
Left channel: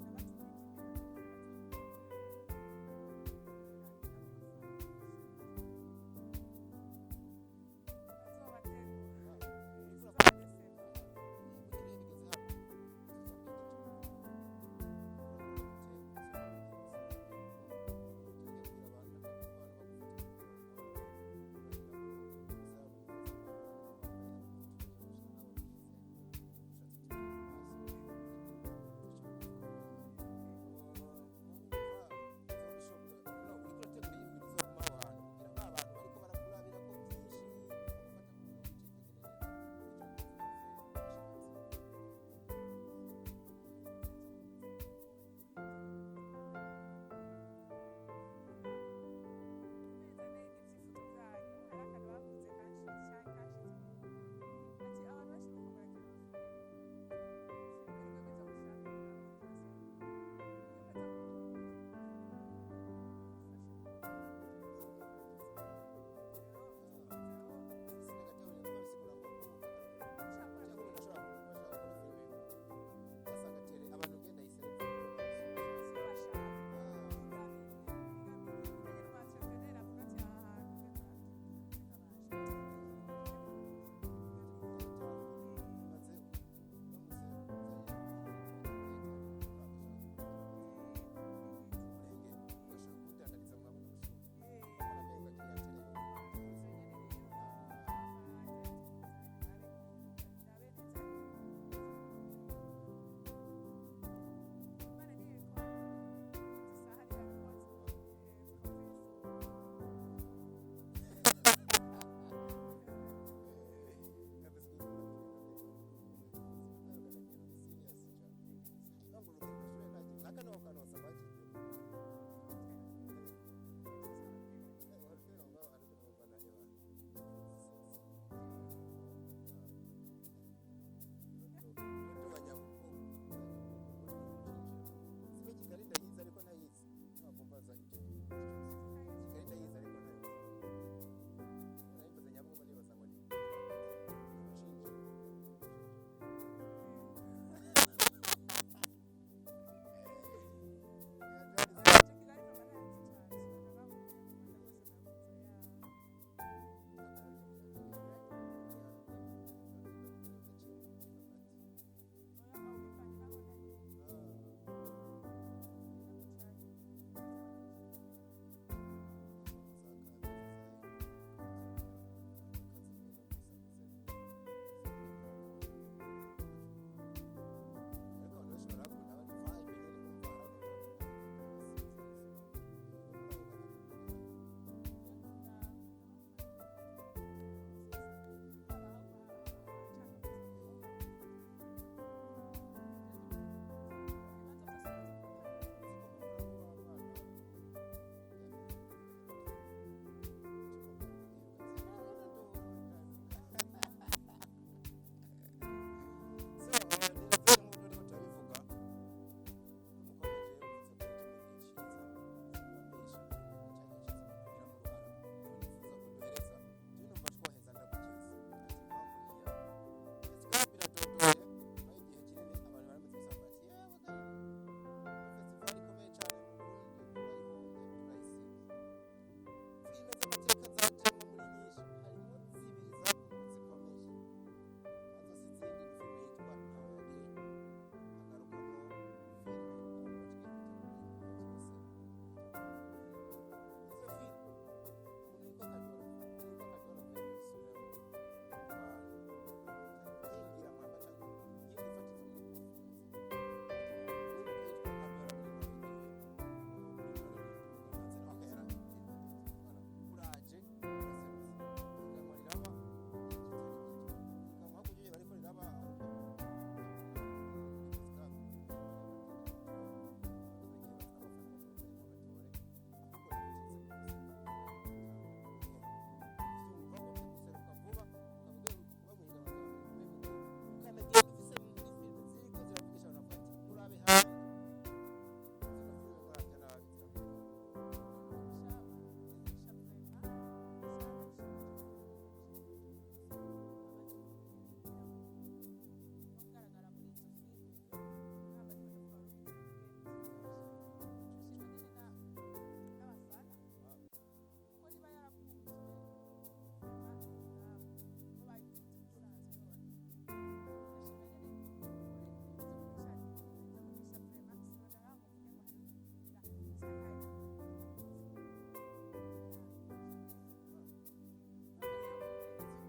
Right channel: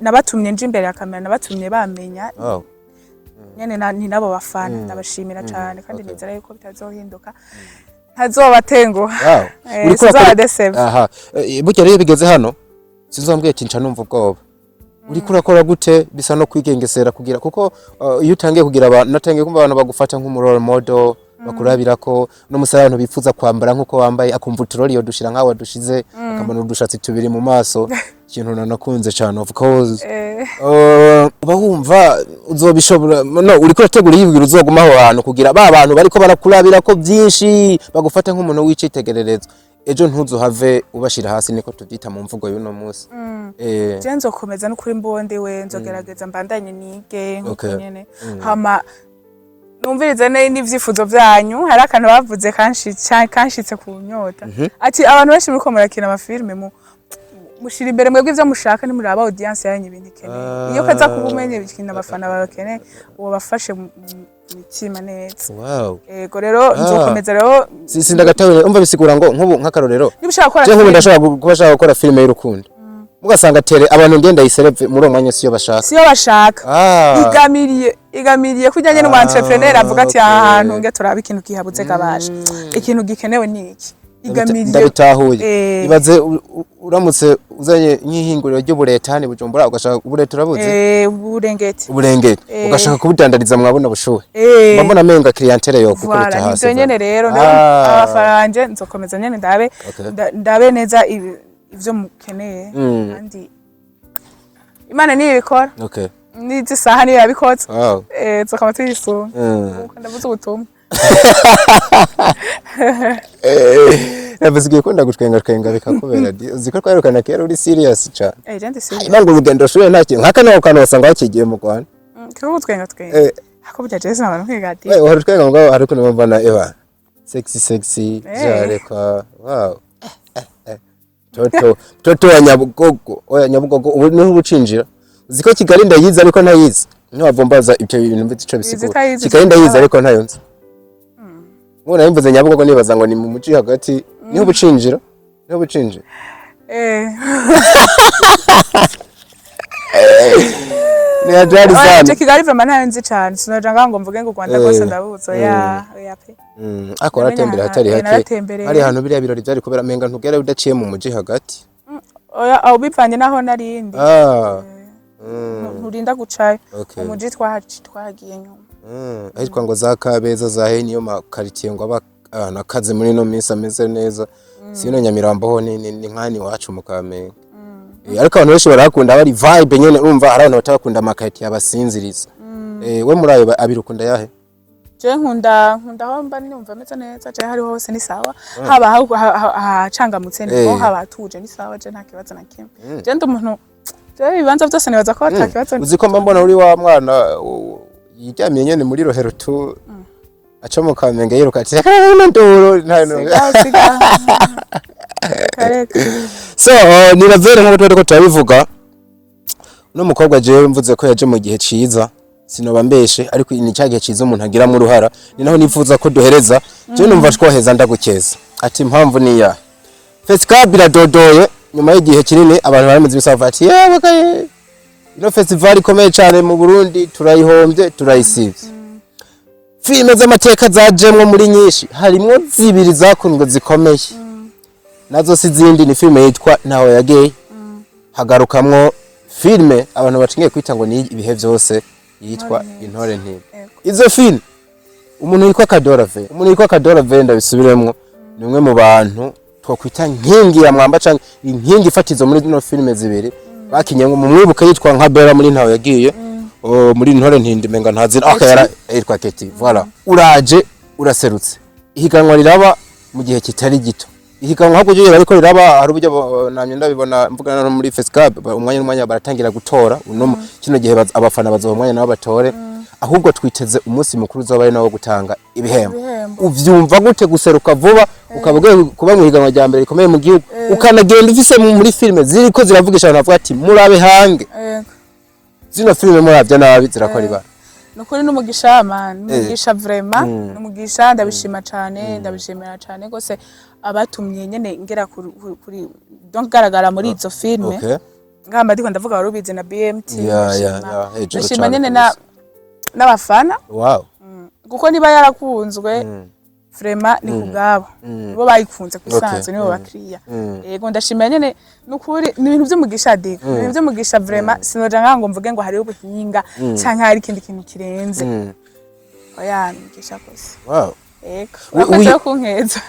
nabatumye nje imbere ya kamera nabatumye bamenya nyene ni nabo bafana ndabashimira cyane kandi nizera yuko bitazohinduka ntazobatenguha aha burya rero bigeze hano sinzambwiye ati nca numva ubwoba uri kurakora gute bisa no kwigengesera kugira kuko iyo utangiye kugira abantu natangiye kumva abantu bagufata nk'umurole model bakurabira ko no musara abantu bifuza kwambara nkuko wambaye akumva uturori yo dushira nkaho dushize akamana udushatsi tubiri mu maso ikintu nanakunze cyane of course uba wumva uzobishobora no uri kurategura yibwira uzoguma aho hantu kugira ba bantu bariko barakurabira ko byinshi bagufata nk'umuntu w'icitegererezo ejo ntuzuhave ubashira hasi niko tubyita mu mvugo y'uno munsi je nzokomeza no kuri mbonde we nzogerageza mbandanye nige nkuko nyene hama numvirize n'ivyifuzo vyanyu hari akantu bavuze kanshitse ku nyota ati abantu benshi muriko murakina amafilme mushira imbere mwebwe ivyo mushaka ni muri aba audience yanyu ibintu ikeneye iyo kaza kuba umenye bikina abafana bakeneye uwo bafashe imitima neza yego rero nzokomeza rero sindagatawe umva bisigura ngo nkubu nk'akarorero nibishaka gukora je nkubu ndashaka kubashaka gukora filme y'urukundo mugasanga tere abantu ngenda yisereve muri umwanya siyo bashaka igamiriye kujyanye n'umu entrepreneur avuga ati ahantu nge turaba ikintu kihabuze kabasha ikintu gikenewe niki igamiriye ndabitahuye ibaze uramutse uzanye nk'ihinguriro ry'uburetani Bujumbura ugashaka uburete urabuze uburengeti ugashaka kubudandariza mwabona bushuhe mbona menga clientele yo kukurita hasi nivyo nyene rero abafaranje nzokomeza nyene ndabe neza ivyo mukeneye kandi Imana niyo ibikora n'izi saha niyo yabikoze nzokama tuyisuma ndavuze ubutumwa Nabasigiye ko ndagutwenga bikakubera ziko twarukana kera uri serious cha je serious nango urugendo shuye ntacyo nkakana ukano wasanga wakigiye mu Rwanda kiko gutwenga hako bya Jesse n'abantu kwigati wari twenga ngo hari kuno mbana eba sexy jareka wow toto wa Nyabugogo ubu ni ubucinjira ziko Kigali ndayiza ariko ntayizi ntiwavombaza ibyo bintu mbico bisigura Kigali ndayiza ariko ntayonze Mwana yimvuze Nyabugogo nibaza ngo ni mu muci hagati niho bucinjira ni ajari sana Kigali vraiment ntayenzi cyane sinaje ngo mvuge ngo Rwanda rwose ndabuzo pe akora tembera hatari hake ari hano biriya birori byari kubera menga ntugera udaciye mu muji hagati oya aho bipfanye naho narindi nturinda gucayo umuji twagiye nyuma ahitwa ngo za Kabeza za Heniyo makaritiye ngo abakaze muri no minsi ameze neza sino Nyamirambo ho ni nkani wacu mu Kamenge ariko abantu benshi barakunda bari vibe nyene urumva hari abantu batakunda amakaritiye abasinziriza we muri ayo abirukunda yahe je nkunda ho mba numva meze neza je hari hose ni sawa haba hacangamutse niho haba tuje ni sawa je nta kibazo na kimwe je ndumuntu je bibanza byose nibaza ko atakibazo uziko mbona uri wa mwana yiryamiye nyene muri rohero tu aca mu Kamenge yiruka ati ndoro so niravere nko twari ko turabivuga no mukobwa je mvuze ko yaje mu gihe ciza sinoba mbeshe ariko ni cyagihe ciza umuntu agira mu ruhara ni naho nifuza ko duhereza je numva twoheza ndagukeza ati impamvu ni ya Fesca biradodoye nyuma y'igihe kinini abantu baramaze bisava ati yewe kaye ino festival ikomeye cyane mu Burundi turayihombye turayisivye filime z'amateka zajemwe muri nyinshi harimo zibiri zakundwe zikomeye nazo sizindi ni filime yitwa Ntaho Yageye hagarukamwo filime abantu bacingiye kwita ngo ni ibihe byose yitwa Intore Ntibe izo filime umuntu yitwa Kadorave ndabisubiremwo ni umwe mu bantu twakwita nkingi ya mwamba canke inkingi ifatizo muri no filime zibiri bakinye mu mwibuka yitwa nka Bella muri Ntaho Yagiye muri Intore Ntinde menga ntazira akayara yitwa Keti voilà uraje uraserutse ihiganwa riraba mu gihe kitari gito ihiganwa hako je bariko riraba hari uburyo namye ndabibona mvugana no muri Fesca umwanya baratangira gutora uno kino gihe abafana bazoba umwanya nabo batore ahubwo twiteze umunsi mukuru uzaba nawo gutanga ibihembo uvyumva gute guseruka vuba ukavuga kuba mu higanwa rya mbere rikomeye mu gihugu ukanagenda ufise muri filime ziriko ziravugisha abantu bavuga ati murabe hange zino filime muravya nabi zirakora ibara nukuri n'umugisha n'umugisha vraiment n'umugisha ndabishima cyane ndabishimira cyane gose abatumye nyene ngera kuri donc garagara muri izo filime ngamba ndiko ndavuga warubize na BMT ndashima nyene n'abafana kuko niba yarakunzwe vraiment ni kugabo bo bayikunze kusanzwe nibo bakiriya yego ndashimira nyene nukuri ni ibintu by'umugisha diko ibintu by'umugisha vraiment sinoja ngo mvuge ngo hari ubuhinga canke hari ikindi kintu kirenze oya mugisha kose yego urakoze kunkeza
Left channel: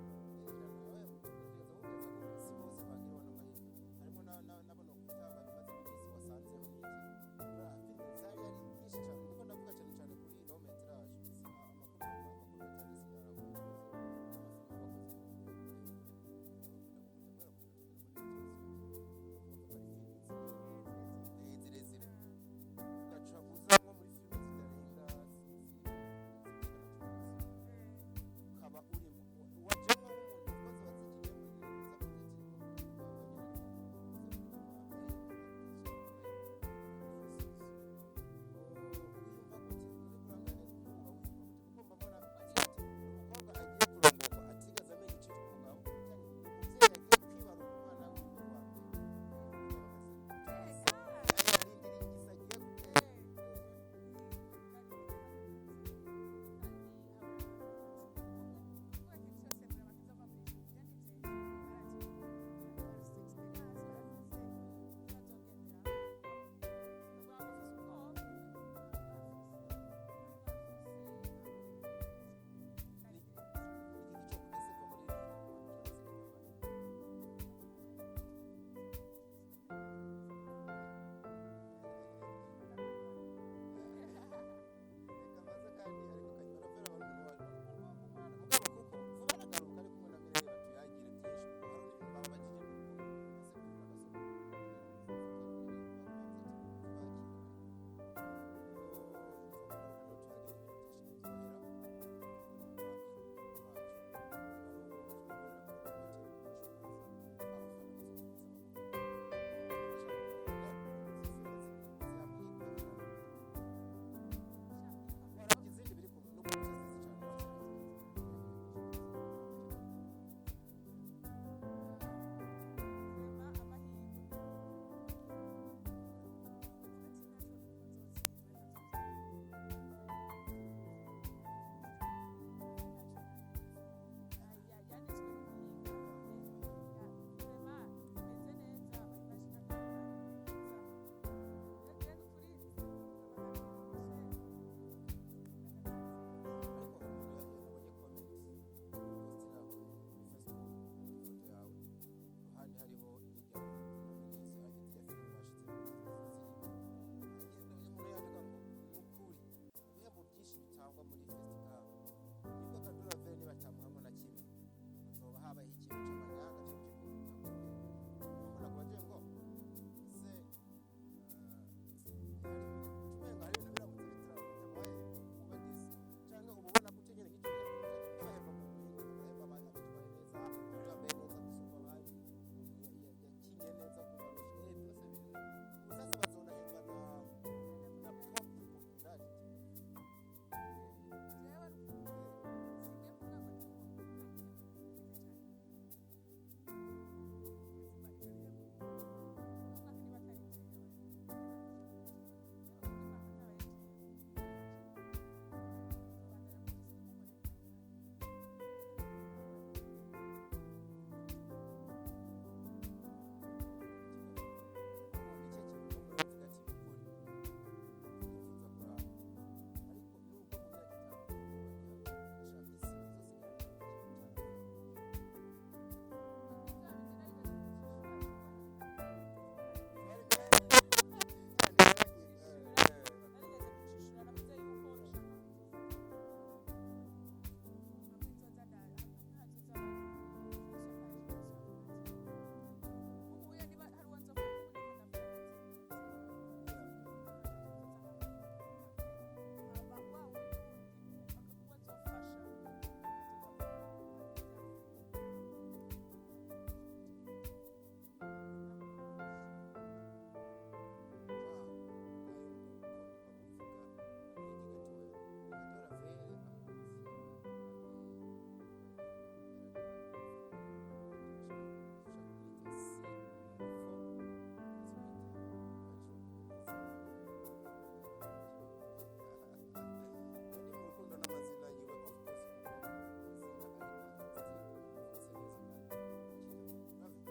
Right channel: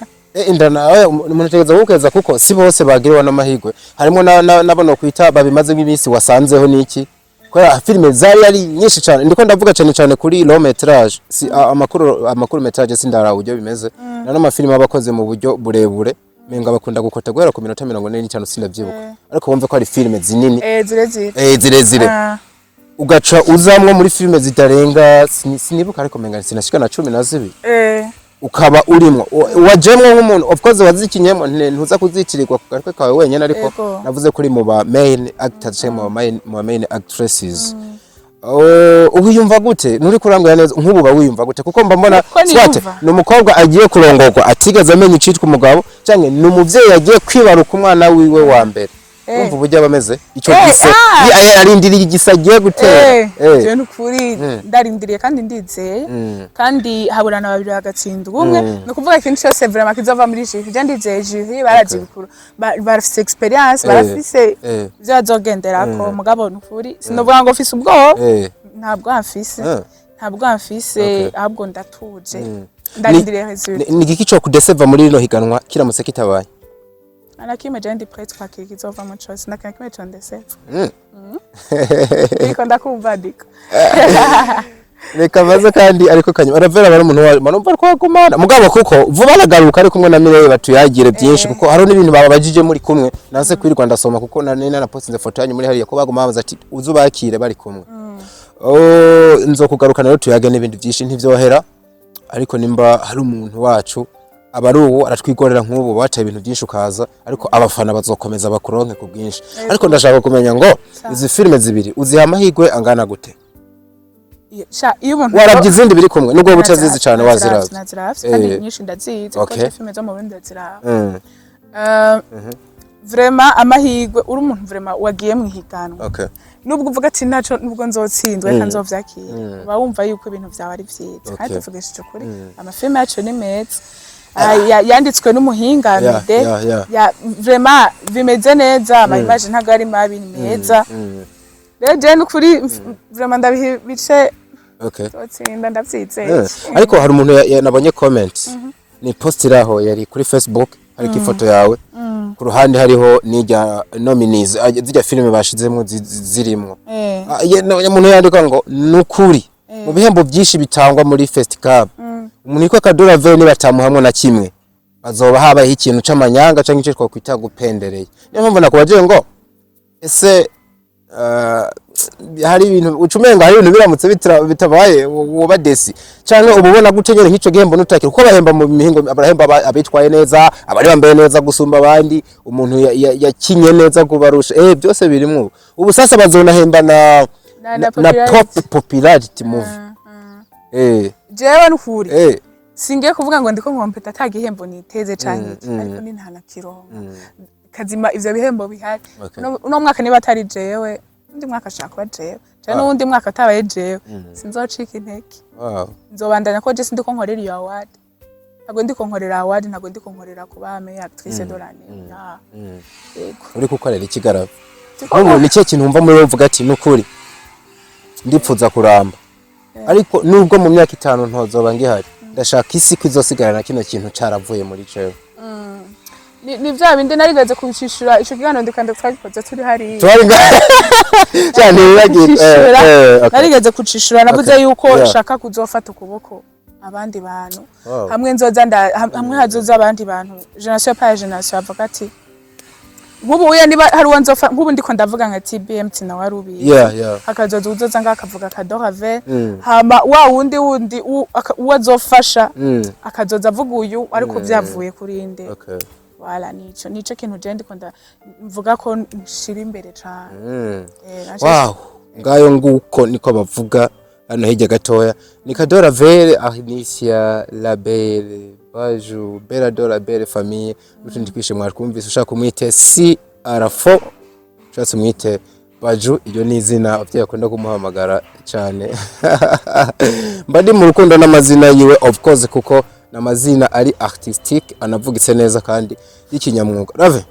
indana umuntu tegeza gukeza kuko si bose bagiriwe n'amahigwe harimo nabona kwita babimaze nk'ibisi wasanzeho niki kwa filime zari ari nyinshi cyane ndiko ndavuga cyane kuri long metrage si amakuru metrage sindara ujyo bimeze na n'amafilime abakoze mu buryo burebure menga bakunda gukota guhera ku minota 45 sindavyibuka ariko wumve ko ari filime zinini zirezire ugaca uzamwo muri filime zitarenga sinibuka ariko menga sinashika na 12 ukaba urimo wajemwe nk'umuntu of course wazikinyemo ntuza kuzitirirwa ku gatwe kawe wenyene ariko navuze kuri mu ba main actors cyangwa mu main actresses ubiyumva gute nuri kurangwa neza nk'ubu ba wiyumva gute kuko mba mbona swate numukobwa agiye kurongorwa atigeze amenya icitwa umugabo cyangwa numuvyeyi agiye kwibaruka umwana wiwe wa mbere umva uburyo bameze ico gise arindiriye igisagiye gutera je nukuri ndarindiriye kandi ndizeye kandi haburana babiri hagatsindwa umwe no kuvuga ikintu cyose vraiment kizova muri jury je ndizeye jury barazi bikuru barafise experience barafise byo azogenderako mugabo nukuri sinovuga ngo ofise ubwo ntabwo amfise ahubwo ndatuje ndarindiriye resultat ni giki cyo kudeseva muri rino higanwa kiramutse kitabaye Anakime jendi prêtre kwa kizova mu chose nakime chondeseva Niko ndakumva ndiko Reka baza kandi ariko kanyuma aravera bari umuntu manumva ko agumana mugabo kuko vuba nagaruka ari kumwe na Mireye batuyagire byinshi kuko haro n'ibintu baba bajije muri kumwe nanse kwirirwa ndasoma kuko na postinze foto yanyu muri hariya ko baguma bamaze ati uzubakire bari kumwe nzokugaruka rero tuyage n'ibindi byinshi ntivyohera ariko nimba hari umuntu wacu abaruwo aratwigorera nk'ubu baca ibintu byinshi ukaza ariko abafana bazokomeza bakuronke ku bwinshi ariko ndashaka kumenya ngo izi filime zibiri uziha amahigwe angana gute iyo umuntu warabyize indi biri kumwe nubwo butazizi cyane waziravye kandi nyinshi ndazizi kuko filime zo mu Burundi ndaziraba vraiment amahigwe uri umuntu vraiment wagiye mu higanwa nubwo uvuga ati naco nubwo nzotsindwe kandi nzovyakira uba wumva yuko ibintu vyawe ari vyiza kandi tuvugishije ukuri amafilime yacu ni meza yanditswe n'umuhinga mide vraiment bimeze neza ama image ntago ari mabi ni meza rero je nukuri vraiment ndabice totsinda ndavyizeye ariko hari umuntu nabonye comment ni postiraho yari kuri Facebook ariko ifoto yawe ku ruhande hariho nijya nominees zijya filime bashizemo zirimo umuntu yandika ngo nukuri mu bihembo byinshi bitangwa muri festival umuntu iko kadora veni batamuhamwe na kimwe bazoba habaye ikintu c'amanyanga canke ico twakwita gupendereye niyo mpamvu nakubaje ngo ese hari ibintu ucumenga hari ibintu biramutse bitabaye woba desi canke ububona gutenyere nk'ico gihembo nutakira uko bahemba mu mihingo abarahemba abitwaye neza abari bambaye neza gusumba abandi umuntu yakinye neza kubarusha byose birimwo ubu sasa bazonahemba na popularity movie jewe nukuri singiye kuvuga ngo ndiko nkompeta atagihembo niteze canke ariko ni ntana kironka kazima ivyo bihembo bihari uno mwaka niba atari jewe undi mwaka ashaka jewe cyane n'undi mwaka atabaye jewe sinzocika inteke nzobandanya ko je sindiko nkorera iyo award ntago ndiko nkorera award ntago ndiko nkorera kubame actrice dorani uri kukorera ikigaraba ubu ni cyo kintu umva muri uvuga ati nukuri ndipfuza kuramba ariko nubwo mu myaka 5 ntozoba ngihari ndashaka isi kwizosigarana kino kintu caravuye muri jewe ni vya bindi narigeze kubishishura ico kigano ndikanda twagikoze turi hari cyane narigeze kucishura navuze yuko shaka kuzofata ukuboko abandi bantu hamwe nzoza hamwe hazoza abandi bantu generation pa generation avuga ati nkubu uya niba hari wanzofa nkubu ndiko ndavuga nka TBMT na warubi hakazoza uzoza ngakavuga kadorave hama wa wundi uwazofasha akazoza avuga uyu ariko byavuye kuri inde wala nico kintu je ndiko mvuga ko nshira imbere cyane wow ngayo nguko niko bavuga hano hirya gatoya ni Kadora Vere Arnicia la Belle Baju Bella Dora Belle famille utundi kwishe mwarkumvise ushaka kumwite si arafo cyase mwite Baju iyo ni izina abavye akunda kumuhamagara cyane mbadi mu rukundo n'amazina yiwe of course kuko namazina ari artistique anavugitse neza kandi y'ikinyamwuga rave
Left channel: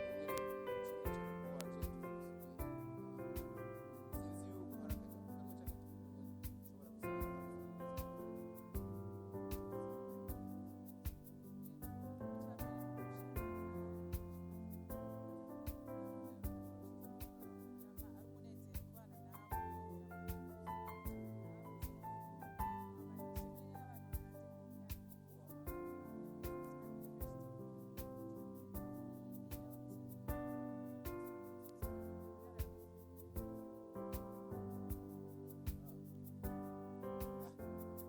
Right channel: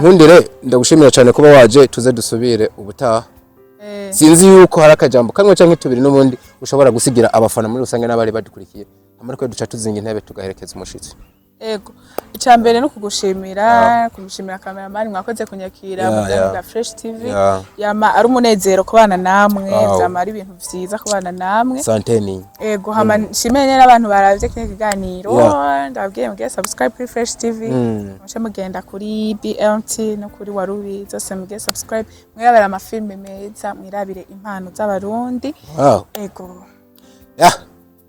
nkundire ndagushimira cyane kuba waje tuze dusubire ubutaha sinzi yuko hari akajambo kamwe canke tubiri n'ubundi ushobora gusigira abafana muri rusange n'abari badukurikiye amariko duca tuzinga intebe tugaherekeza umushitsi ego icambere no kugushimira kumushimira cameraman mwakoze kunyakira mu bwa Fresh TV yama ari umunezero kubana namwe byama ari ibintu vyiza kubana namwe santeni ego hama nshimene n'abantu baravye kino kiganiro ndabwiye mugiye subscribe kuri Fresh TV mushe mugenda kuri BMT no kuri Warubi zose mugiye subscribe mwirabira amafilme meza mwirabire impano z'abarundi ego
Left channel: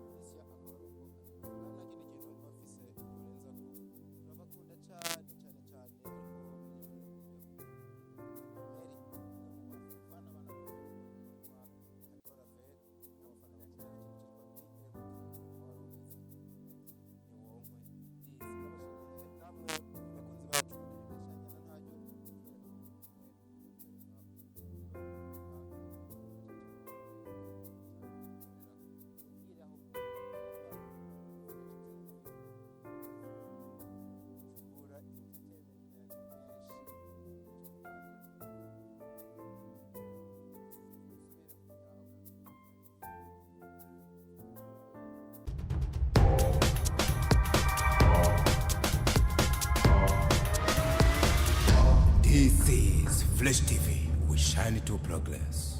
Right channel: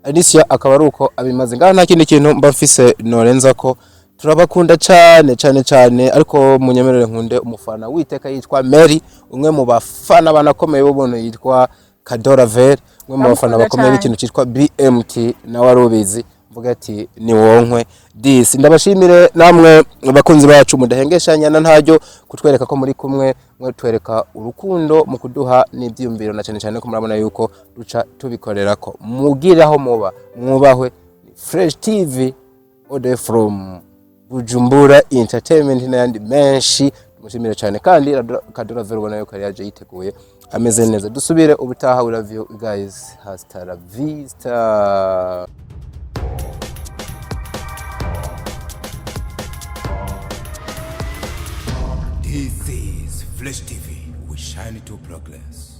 Alicia akaba ari uko abimaze ngaho nta kindi kintu mba mfise norenza ko turabakunda cyane ariko munyemerere nkunde umufana witeka yitwa Mary umwe mu bafana banakomeye b'ubuntu yitwa Kadora Ver umwe mu bafana bakomeye b'ikintu cyitwa BMT na Warubizi mvuga ati ni wonkwe disi ndabashimire namwe bakunzi bacu mudahengeshanya na ntajyo kutwereka ko muri kumwe mwe twereka urukundo mu kuduha n'ibyumviro na cyane ko murabona yuko duca tubikorera ko mugiraho muba mwubahwe Fresh TV all day from Bujumbura Entertainment n'andi menshi mushimire cyane kandi Kadora Ver ubona yuko yaje yiteguye ameze neza dusubire ubutaha we love you guys hasta la vista. This is Flesh TV. We shine to progress.